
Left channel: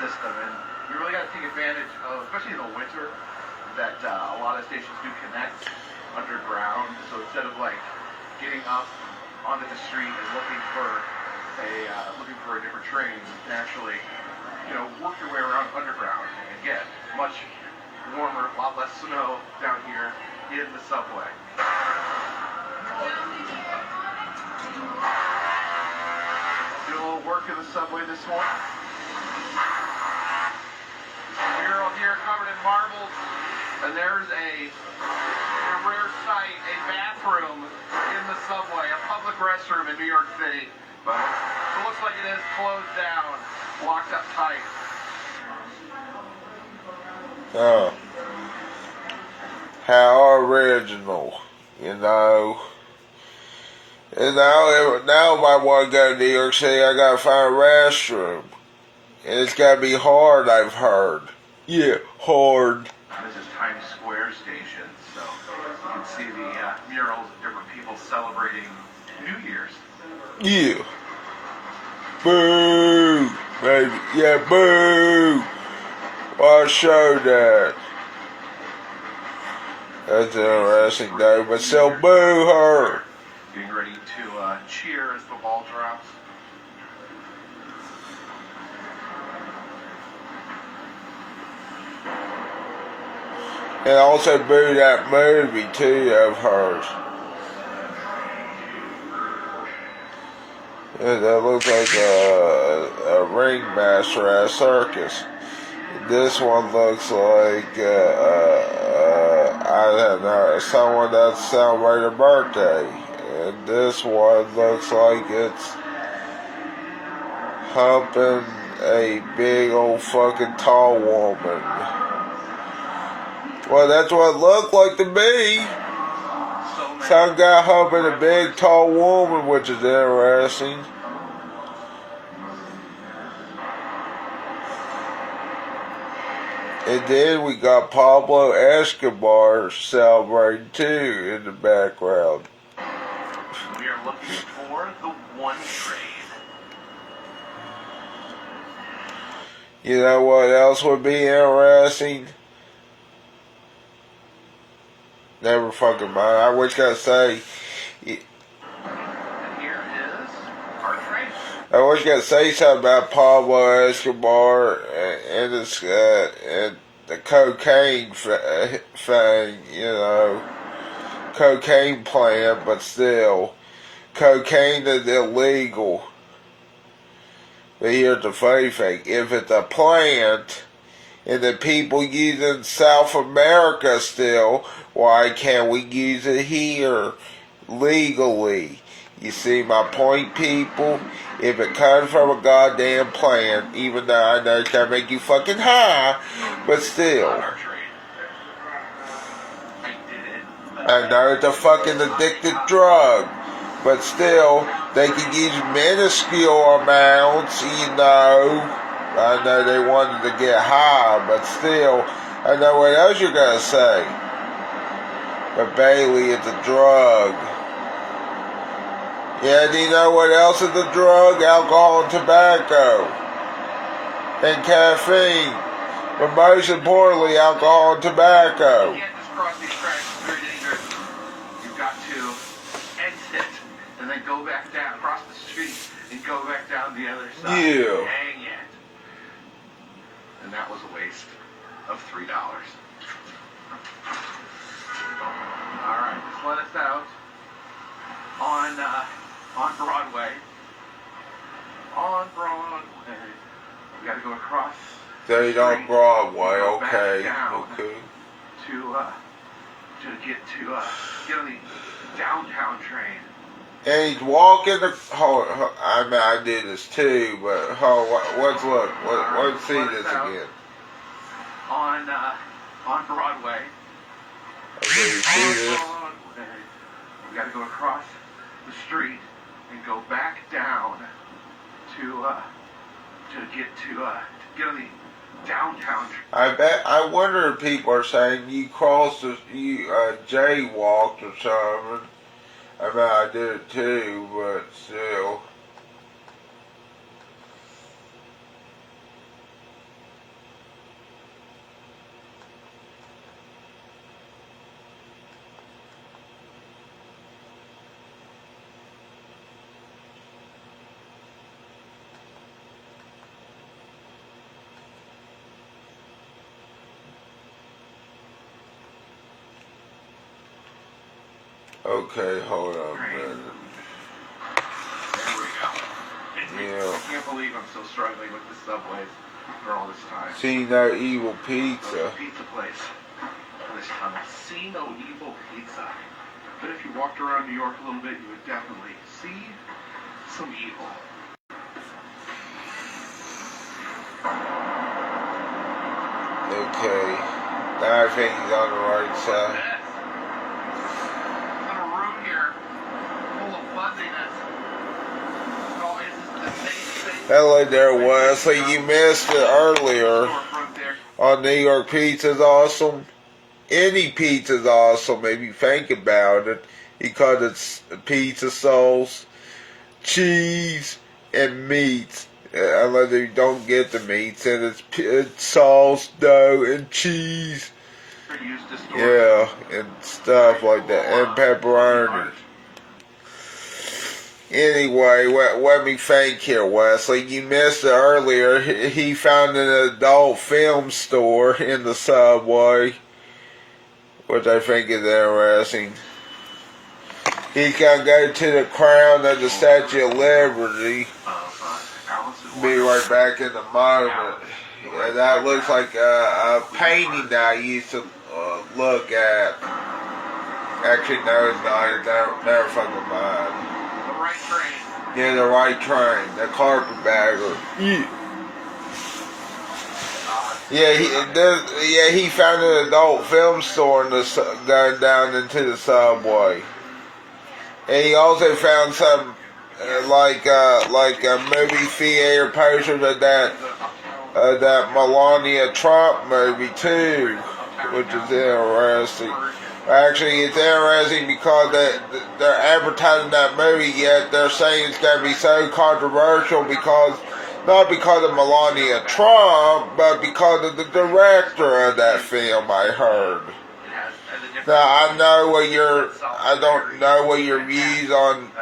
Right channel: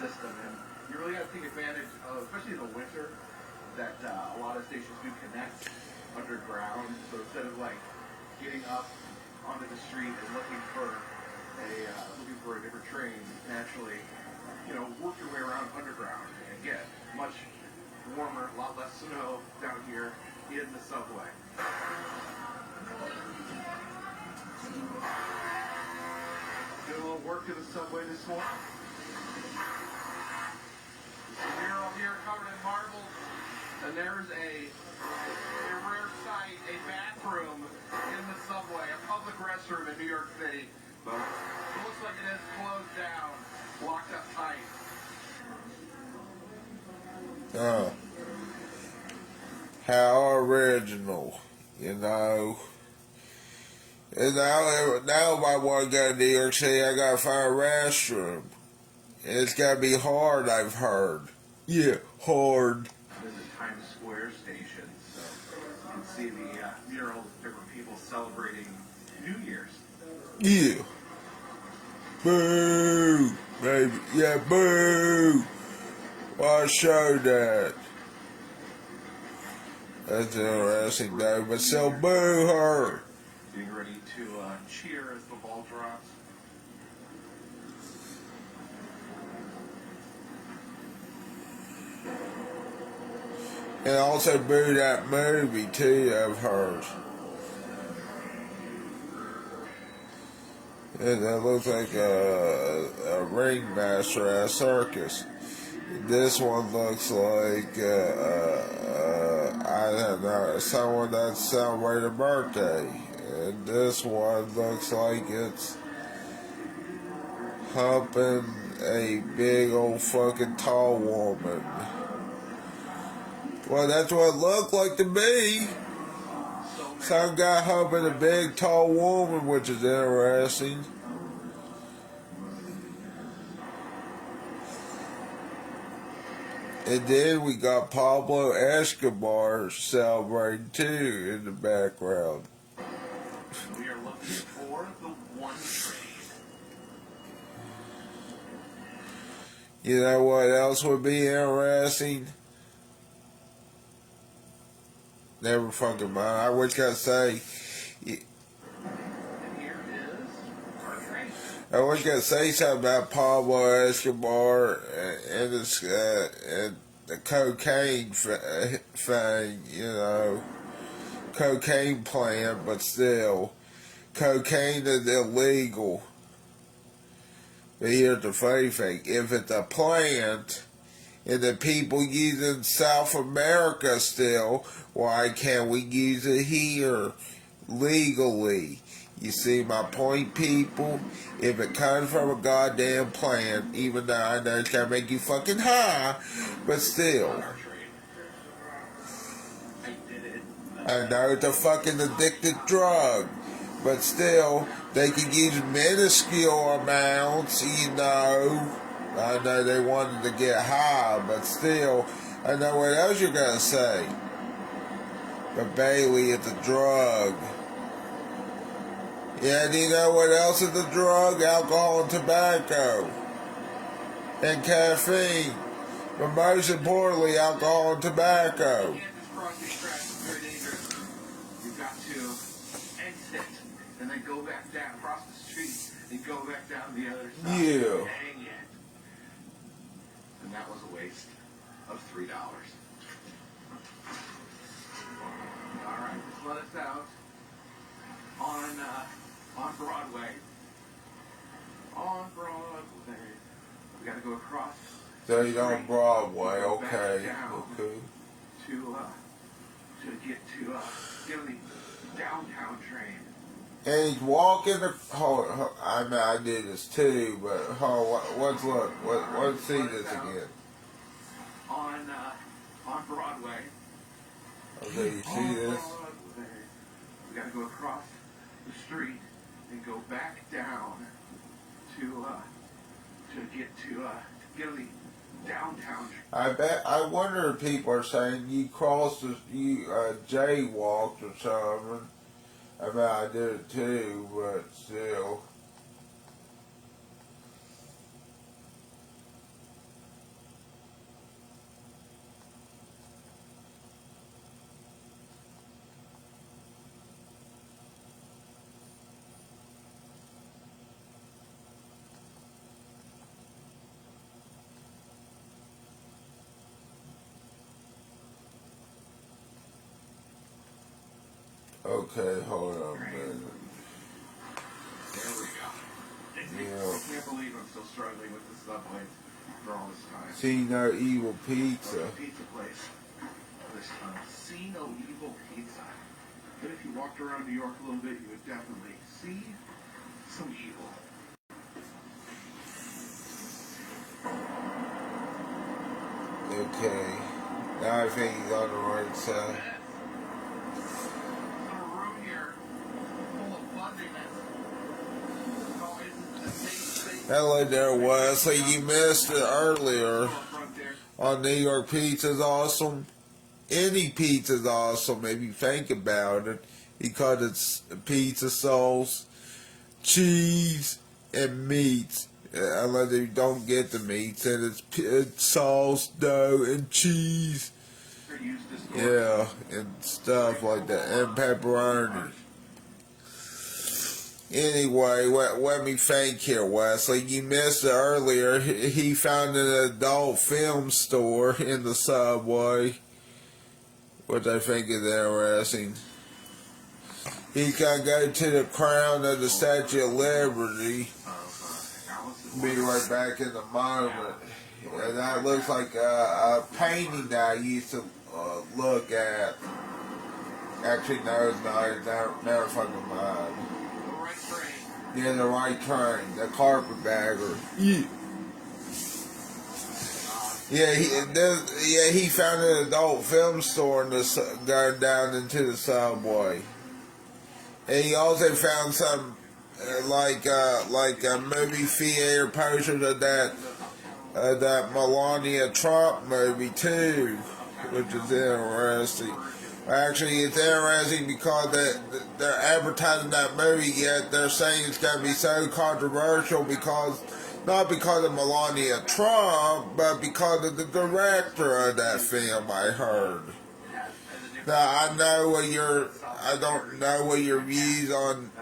system, and you really got to take advantage of, especially in the winter, that a lot of stations do connect underground. So instead of like getting up onto the street and looking for a different train, you can actually, work your way around underground and get much warmer, a lot less snow down here in the subway. Do a little work in the subway this morning. There's a mural here covered in marbles, and there's a rare sight, a bathroom in the subway, a public restroom in New York City. But it looks like it is closed down, blocked up tight. Oh. How original, And now if I want to go to New York City, I gotta find a restroom. And it's gotta be hard, I've heard. Yeah, hard. This is Times Square station, so you can see the murals of different people celebrating New Year's. Yeah. Boo! Baby. Yeah, boo! I'll show that. That's interesting though, but still boo her. Getting ready to cheer as the ball drops. And also boo that movie too of hers. Yeah, that looks like a ringmaster at a circus. This one looks like I don't know, someone that's celebrating a birthday. And this one looks like it's humping a big old fucking tall woman. Well, that's what it looked like to me. Some guy humping a big tall woman, which is interesting. And then we got Pablo Escobar celebrating too in the background. We are looking for the one train. You know what else would be interesting? Never fucking mind. I was gonna say. And here is our train. I was gonna say something about Pablo Escobar and his and the cocaine thing. You know, cocaine plant, but still, cocaine is illegal. But here's the funny thing: if it's a plant and the people use it in South America still, why can't we use it here legally? You see my point, people? If it comes from a goddamn plant, even though I know it's gonna make you fucking high, but still. I know it's a fucking addictive drug, but still, they can use minuscule amounts, you know. I know they wanted to get high, but still, I know what else you're gonna say. But Bailey, it's a drug. Yeah, do you know what else is a drug? Alcohol and tobacco. And caffeine. But most importantly, alcohol and tobacco. You can't just cross these tracks, it's very dangerous. You've got to exit and then go back down, cross the street, and go back down the other side. Yeah. Dang it. And that was a waste of $3. Alright, just let us out on Broadway. On Broadway. We gotta go across. Stayed on Broadway, okay. Down Okay. To get on the downtown train. And he's walking the. I mean, I do this too, but let's look. Let's see this again. On Broadway. Okay, see this? Broadway. We gotta go across the street and go back down to get on the downtown train. I wonder if people are saying you crossed you jaywalked or something. I mean, I did it too, but still. Okay, hold on a minute. There we go. Yeah. I can't believe I'm still struggling with the subways for all this time. See no evil pizza. Pizza place for this time. See no evil pizza. But if you walked around New York a little bit, you would definitely see some evil. Okay. Now I think he's on the right side. Hello there, Wesley. You missed it earlier on New York Pizza's awesome. Any pizza's awesome if you think about it, because it's pizza sauce, cheese, and meats. Unless you don't get the meats, and it's sauce, dough, and cheese. Yeah, and stuff like that, and pepperoni. Anyway, let me think here, Wesley. You missed it earlier. He found an adult film store in the subway, which I think is interesting. He can go to the Crown and the Statue of Liberty. Be right back in a moment. Yeah, that looks like a painting that I used to look at. Actually, no, it's not. Never fucking mind. Yeah, the right train, the carpetbagger. Yeah, he found an adult film store going down into the subway, and he also found some like a movie theater posters of that that Melania Trump movie too, which is interesting. Actually, it's interesting because they're advertising that movie, yet they're saying it's going to be so controversial because, not because of Melania Trump, but because of the director of that film, I heard. Now, I don't know what your views on,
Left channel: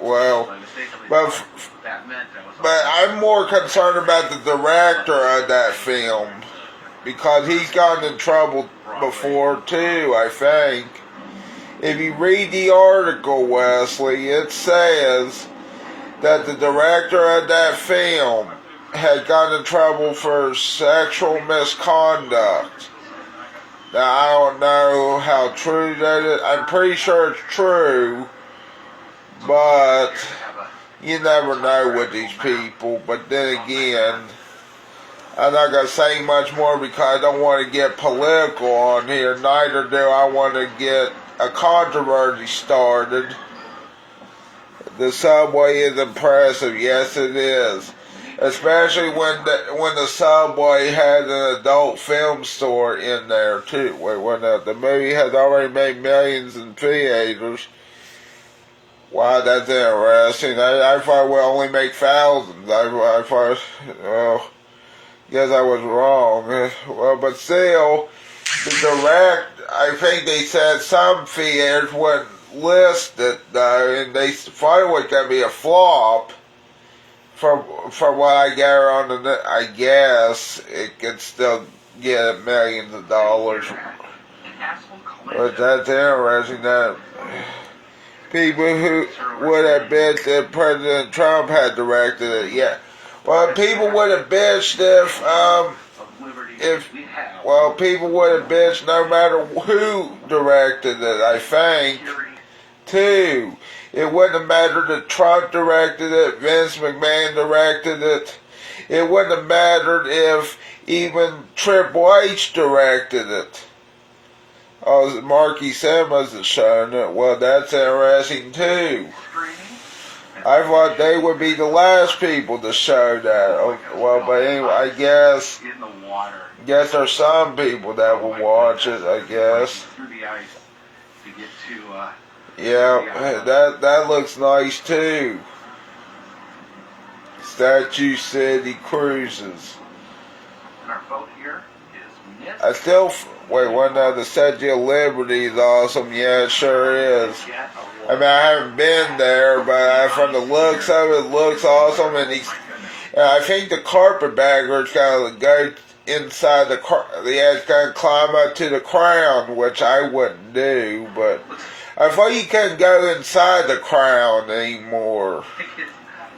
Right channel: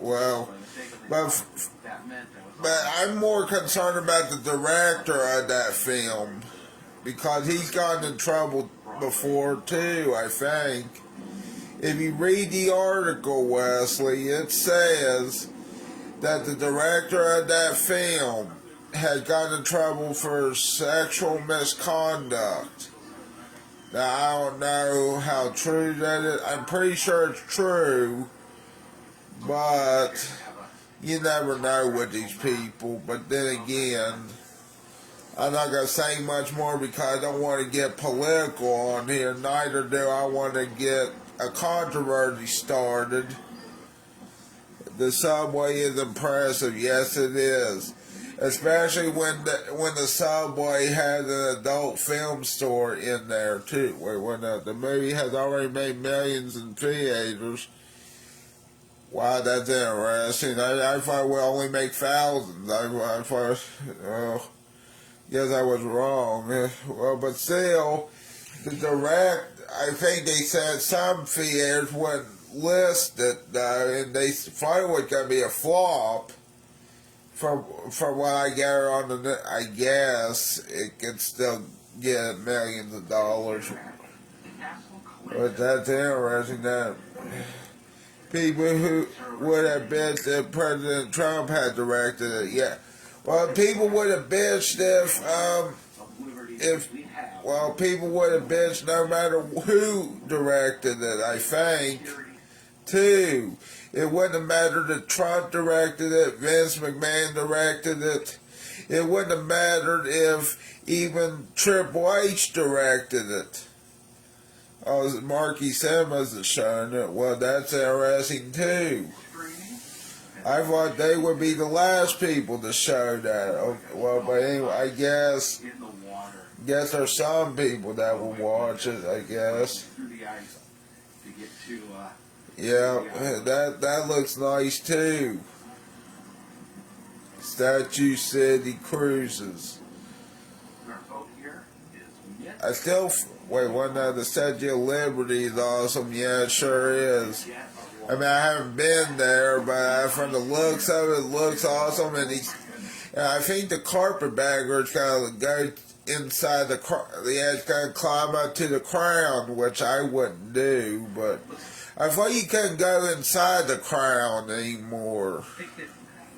well, but I'm more concerned about the director of that film, because he's gotten in trouble before too, I think. If you read the article, Wesley, it says that the director of that film had gotten in trouble for sexual misconduct. Now, I don't know how true that is. I'm pretty sure it's true, but you never know with these people. But then again, I'm not going to say much more because I don't want to get political on here. Neither do I want to get a controversy started. The Subway is impressive. Yes, it is. Especially when the Subway has an adult film store in there too. When the movie has already made millions in theaters. Wow, that's interesting. I thought we only make thousands. I thought, well, guess I was wrong. Well, but still, I think they said some theaters wouldn't list it though, and they thought it was going to be a flop. From what I gather on the net, I guess it could still get millions of dollars. But that's interesting that people who would have bitched that President Trump had directed it. Yeah, well, people would have bitched people would have bitched no matter who directed it, I think, too. It wouldn't have mattered if Trump directed it, Vince McMahon directed it. It wouldn't have mattered if even Triple H directed it. Oh, Marky Simmons has shown it. Well, that's interesting too. I thought they would be the last people to show that. Oh, well, but anyway, I guess there's some people that will watch it, I guess. Yeah, that looks nice too. Statue City Cruises. I still the Statue of Liberty is awesome. Yeah, it sure is. I mean, I haven't been there, but from the looks of it, looks awesome. And I think the carpetbaggers kind of go inside it's going to climb up to the crown, which I wouldn't do, but I thought you couldn't go inside the crown anymore.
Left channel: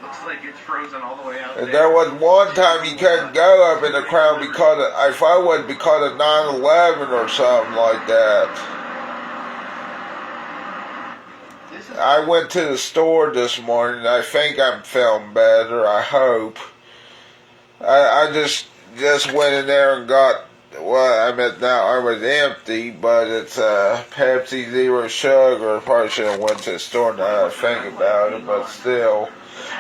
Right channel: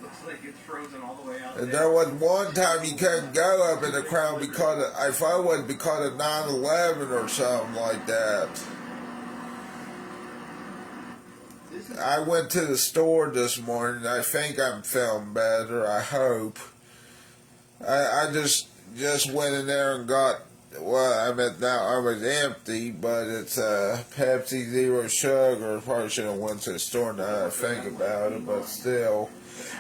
Looks like it's frozen all the way out And there was one time you couldn't go up in the crown because I thought it was because of 9/11 or something like that. I went to the store this morning. I think I'm feeling better. I hope. I just went in there and got. Well, I mean, now it was empty, but it's Pepsi Zero Sugar. Probably should have went to the store now I think about it, but still.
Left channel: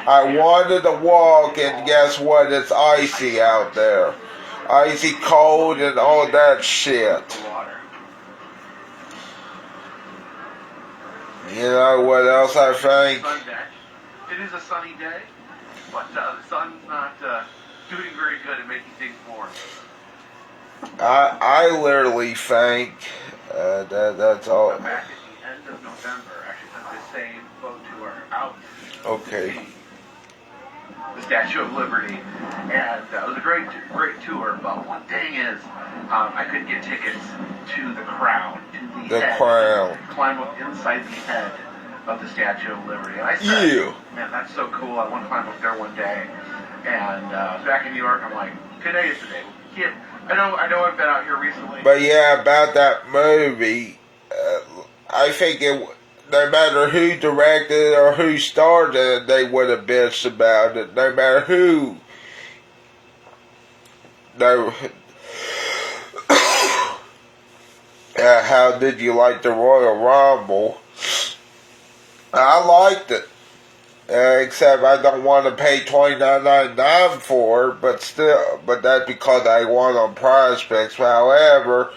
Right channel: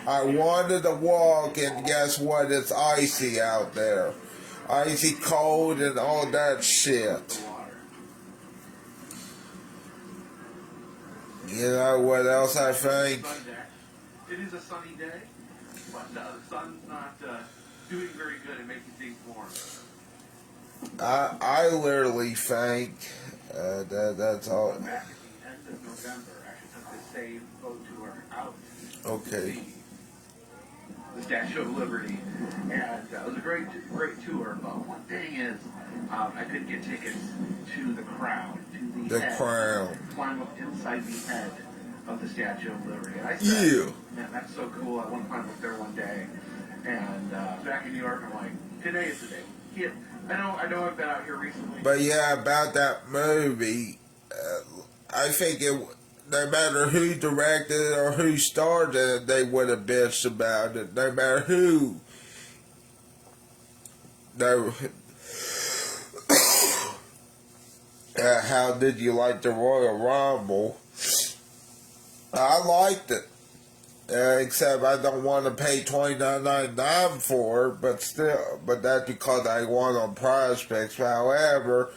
I wanted to walk, and guess what? It's icy out there. Icy cold and all that shit. You know what else I think? It is a sunny day, but the sun's not doing very good at making things warm. I literally think that's all. Back at the end of November, actually took the same boat tour out. Okay. The Statue of Liberty, and it was a great tour. But one thing is, I couldn't get tickets to the crown, to the head, crown. Climb up inside the head of the Statue of Liberty. And I said, Yeah. man, that's so cool. I want to climb up there one day. And back in New York, I'm like, today is the day. Yeah, I know I've been out here recently. But yeah, about that movie, I think no matter who directed it or who starred in it, they would have bitched about it. No matter who. How did you like the Royal Rumble? I liked it. except I don't want to pay $29.99 for it, but that's because I won on Prize Picks. However,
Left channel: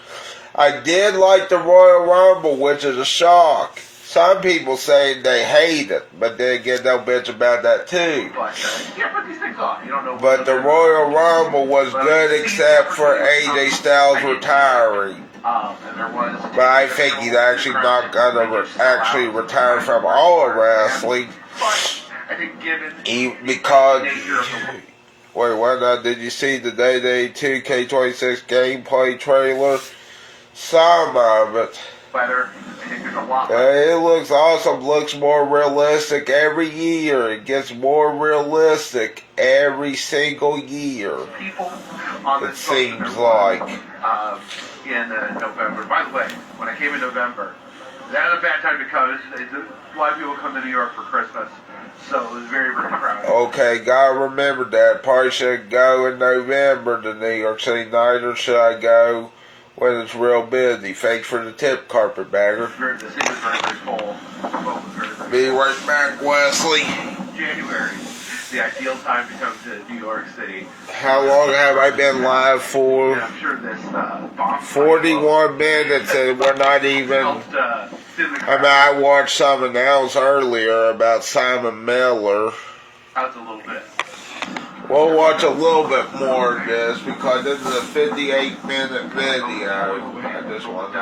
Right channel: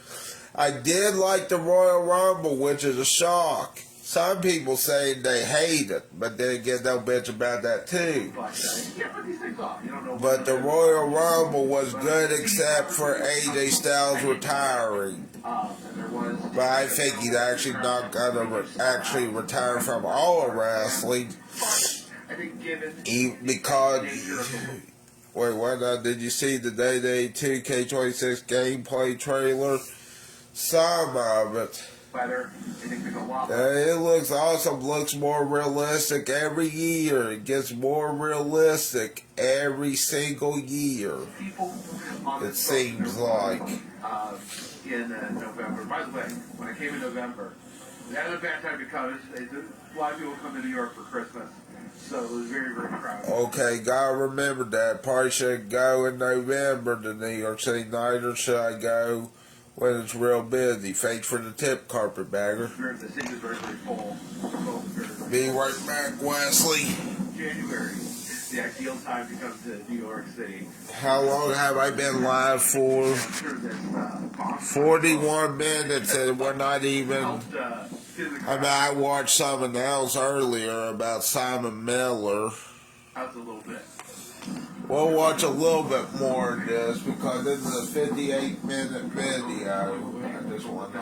I did like the Royal Rumble, which is a shock. Some people say they hate it, but then again, they'll bitch about that too. You can't put these things off. You don't know. But the Royal Rumble was good except for AJ Styles retiring. But I think he's actually not gonna actually retire from all of wrestling. Because wait, what? Did you see the Day 2K26 gameplay trailer? Some of it. It looks awesome. Looks more realistic every year. It gets more realistic every single year. It seems like. In November. By the way, when I came in November, that was a bad time to come. A lot of people come to New York for Christmas, so it was very, very crowded. Okay, gotta remember that. Probably should go in November to New York City, neither should I go when it's real busy. Thanks for the tip, carpetbagger. The city was very, very full. Be right back, Wesley. January, the ideal time to come to New York City. How long have I been live for? I'm sure this 41 minutes, and we're not even. I watched some announced earlier about Simon Miller. That was a little bit. We'll watch a little bit more of this because this is a 58-minute video. I just want to.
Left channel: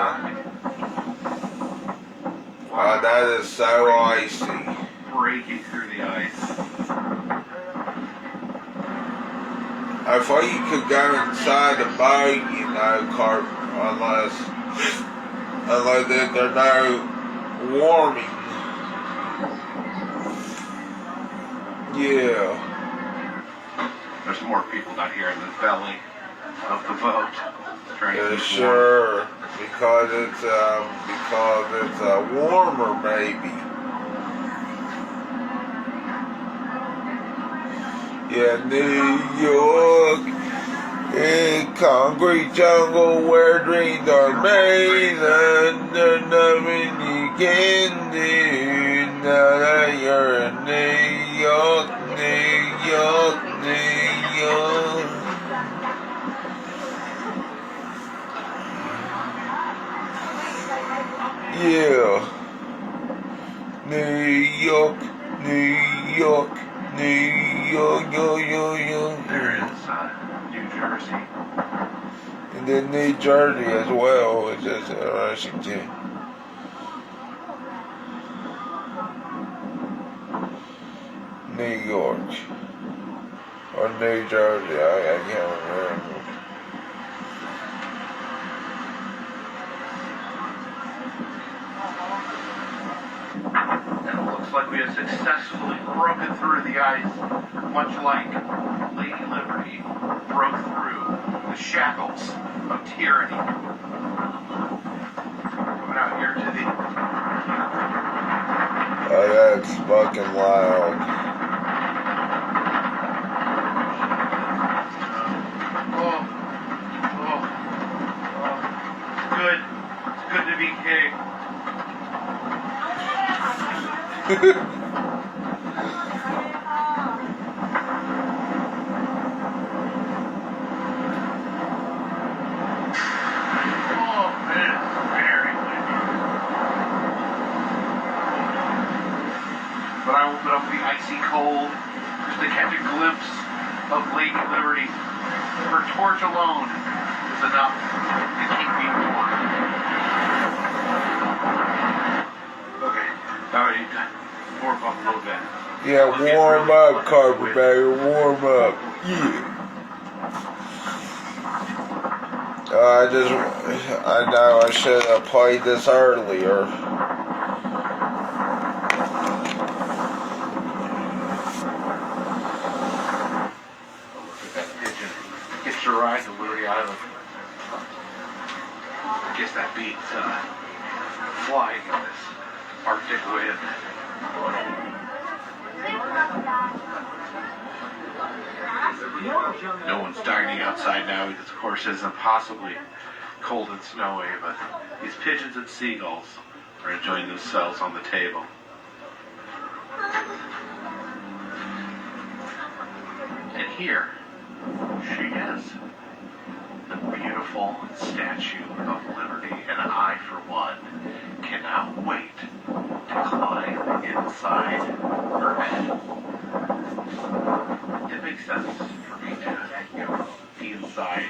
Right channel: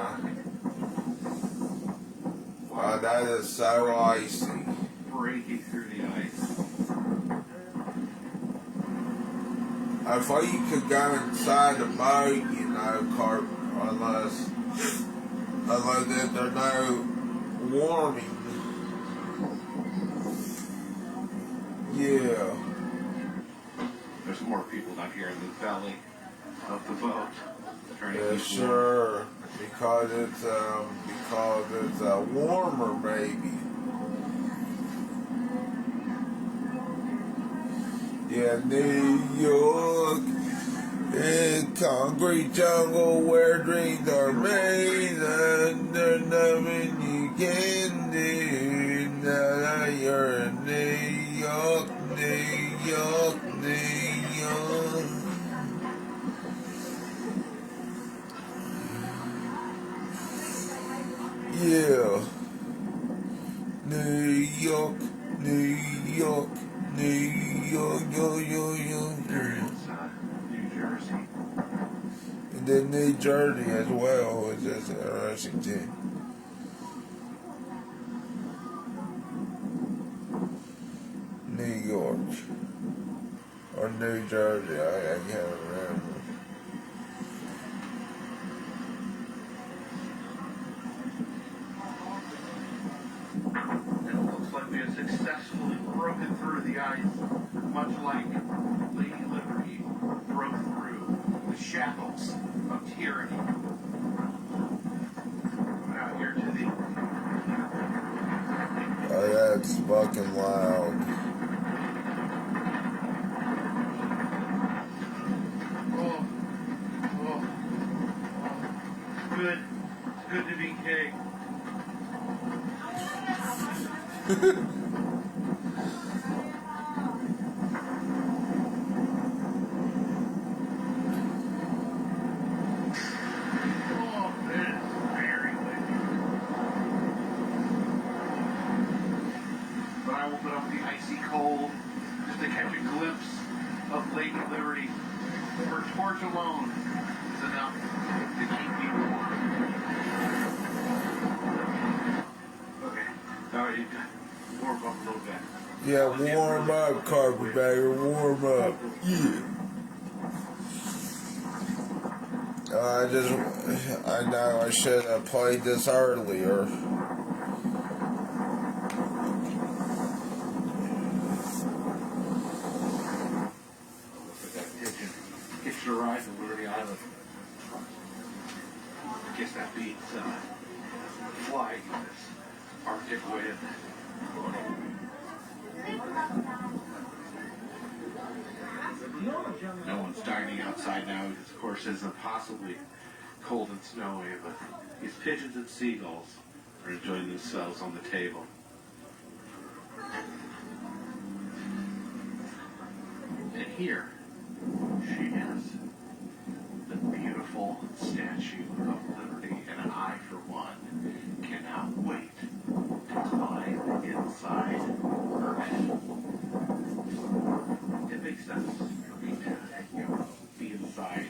Wow, that is so icy. Breaking through the ice. I thought you could go inside the boat, unless there's no warming. Yeah. There's more people down here in the belly of the boat. Yeah, sure. Because it's warmer, maybe. Yeah, New York, in concrete jungle where dreams are made, and there's nothing you can do now that you're in New York, New York, New York. Yeah, New York, New York. New York, There is New Jersey. And then New Jersey as well, which is interesting too. New York. Or New Jersey, I can't remember. And it looks like we have successfully broken through the ice, much like Lady Liberty broke through the shackles of tyranny. Coming out here to the... Oh, that's fucking loud. Good. It's good to be gay. But I open up the icy cold just to catch a glimpse of Lady Liberty. Her torch alone is enough to keep me warm. Okay, now I need to warm up a little bit. Yeah, warm up, carpetbagger, warm up. Yeah. I know I should have played this earlier. It's a ride to Liberty Island. I guess that beat flying in this Arctic wind. No one's dining outside now because, of course, it is impossibly cold and snowy, but these pigeons and seagulls are enjoying themselves on the table. here she is, the beautiful statue of Liberty, and I, for one, cannot wait to climb inside her head. It makes sense for me to be inside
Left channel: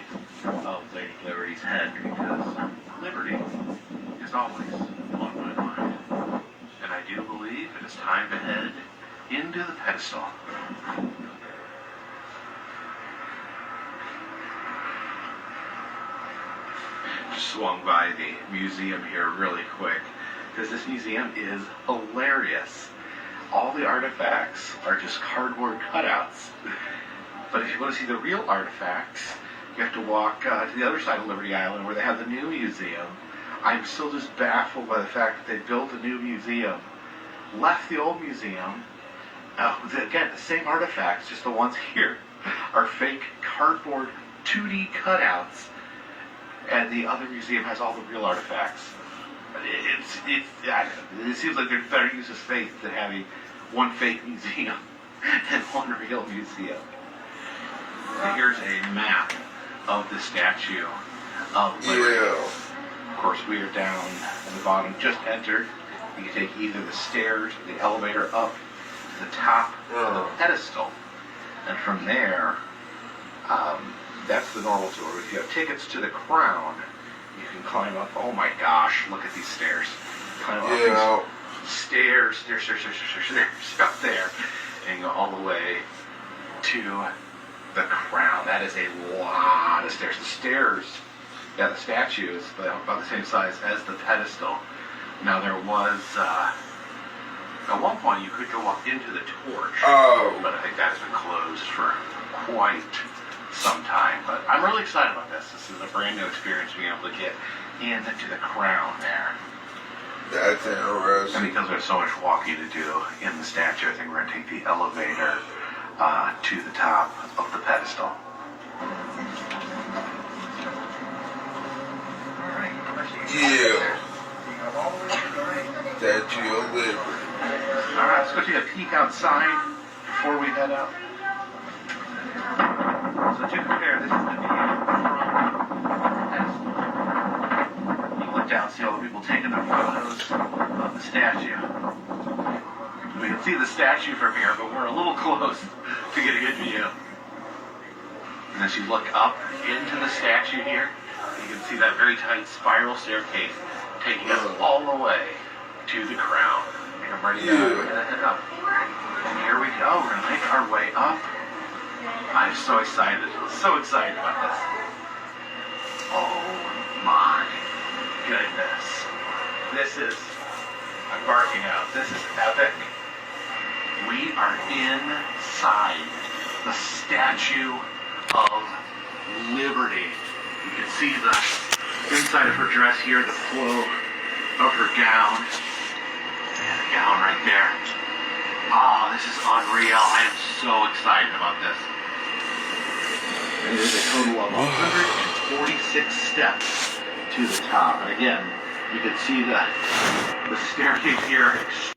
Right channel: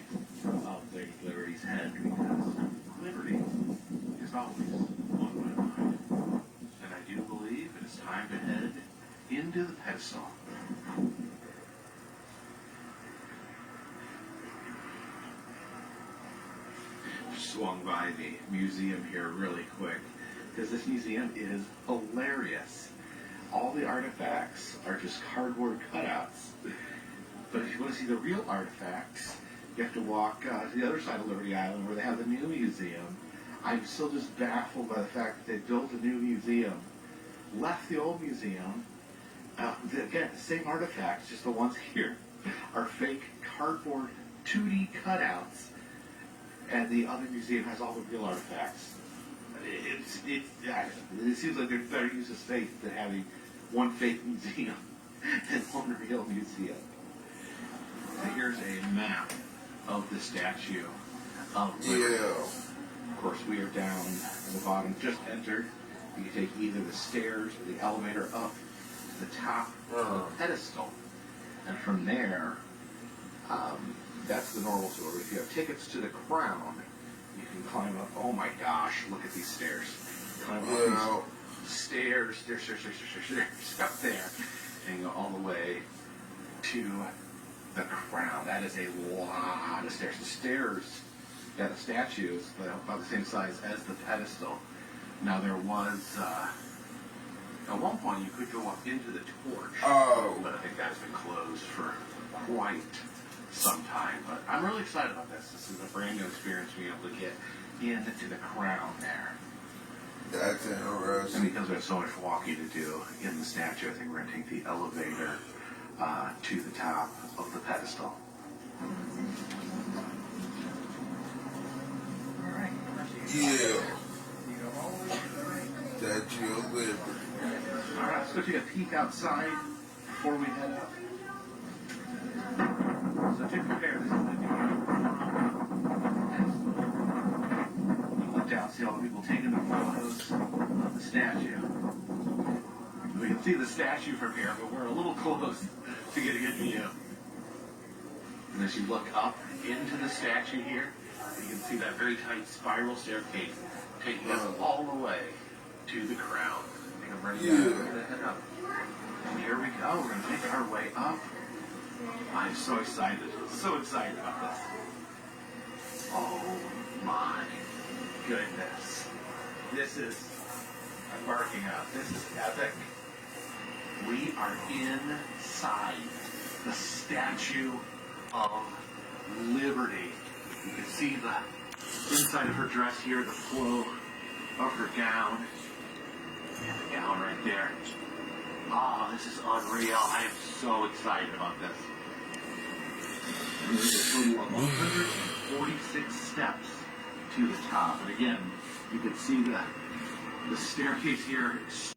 of Lady Liberty's head because Liberty is always on my mind. And I do believe it is time to head into the pedestal. Just swung by the museum here really quick because this museum is hilarious. All the artifacts are just cardboard cutouts. But if you want to see the real artifacts, you have to walk to the other side of Liberty Island where they have the new museum. I'm still just baffled by the fact that they built a new museum, left the old museum. Again, the same artifacts, just the ones here are fake cardboard 2D cutouts, and the other museum has all the real artifacts. It seems like they're better use of faith than having one fake museum and one real museum. Here's a map of the Statue of Liberty. Yeah. Of course, we are down at the bottom, just entered. You can take either the stairs or the elevator up to the top of the pedestal. And from there, that's the normal tour. If you have tickets to the crown, you can climb up. Oh my gosh, look at these stairs. Climb up these stairs up there, and you go all the way to the crown. That is a lot of stairs. The stairs, the statue is about the same size as the pedestal. Now there was, at one point you could go up into the torch, but I think that has been closed for quite some time. But I'm really excited about this. This is a brand new experience, being able to get into the crown there. That's interesting. And because there's so much walking to do in the statue, I think we're going to take the elevator to the top of the pedestal. Yeah. Statue of Liberty. Alright, let's go take a peek outside before we head out. So to compare, this is the view from the pedestal. You can look down, see all the people taking their photos of the statue. We can see the statue from here, but we're a little close to get a good view. And as you look up into the statue here, you can see that very tight spiral staircase taking us all the way to the crown. And I'm ready to head up. And here we go. We're going to make our way up. I'm so excited. So excited about this. Oh my goodness. This is, I'm barking out. This is epic. We are inside the Statue of Liberty. You can see the inside of her dress here, the flow of her gown. And the gown right there. Oh, this is unreal. I am so excited about this. And there's a total of 146 steps to the top. And again, you can see the staircase here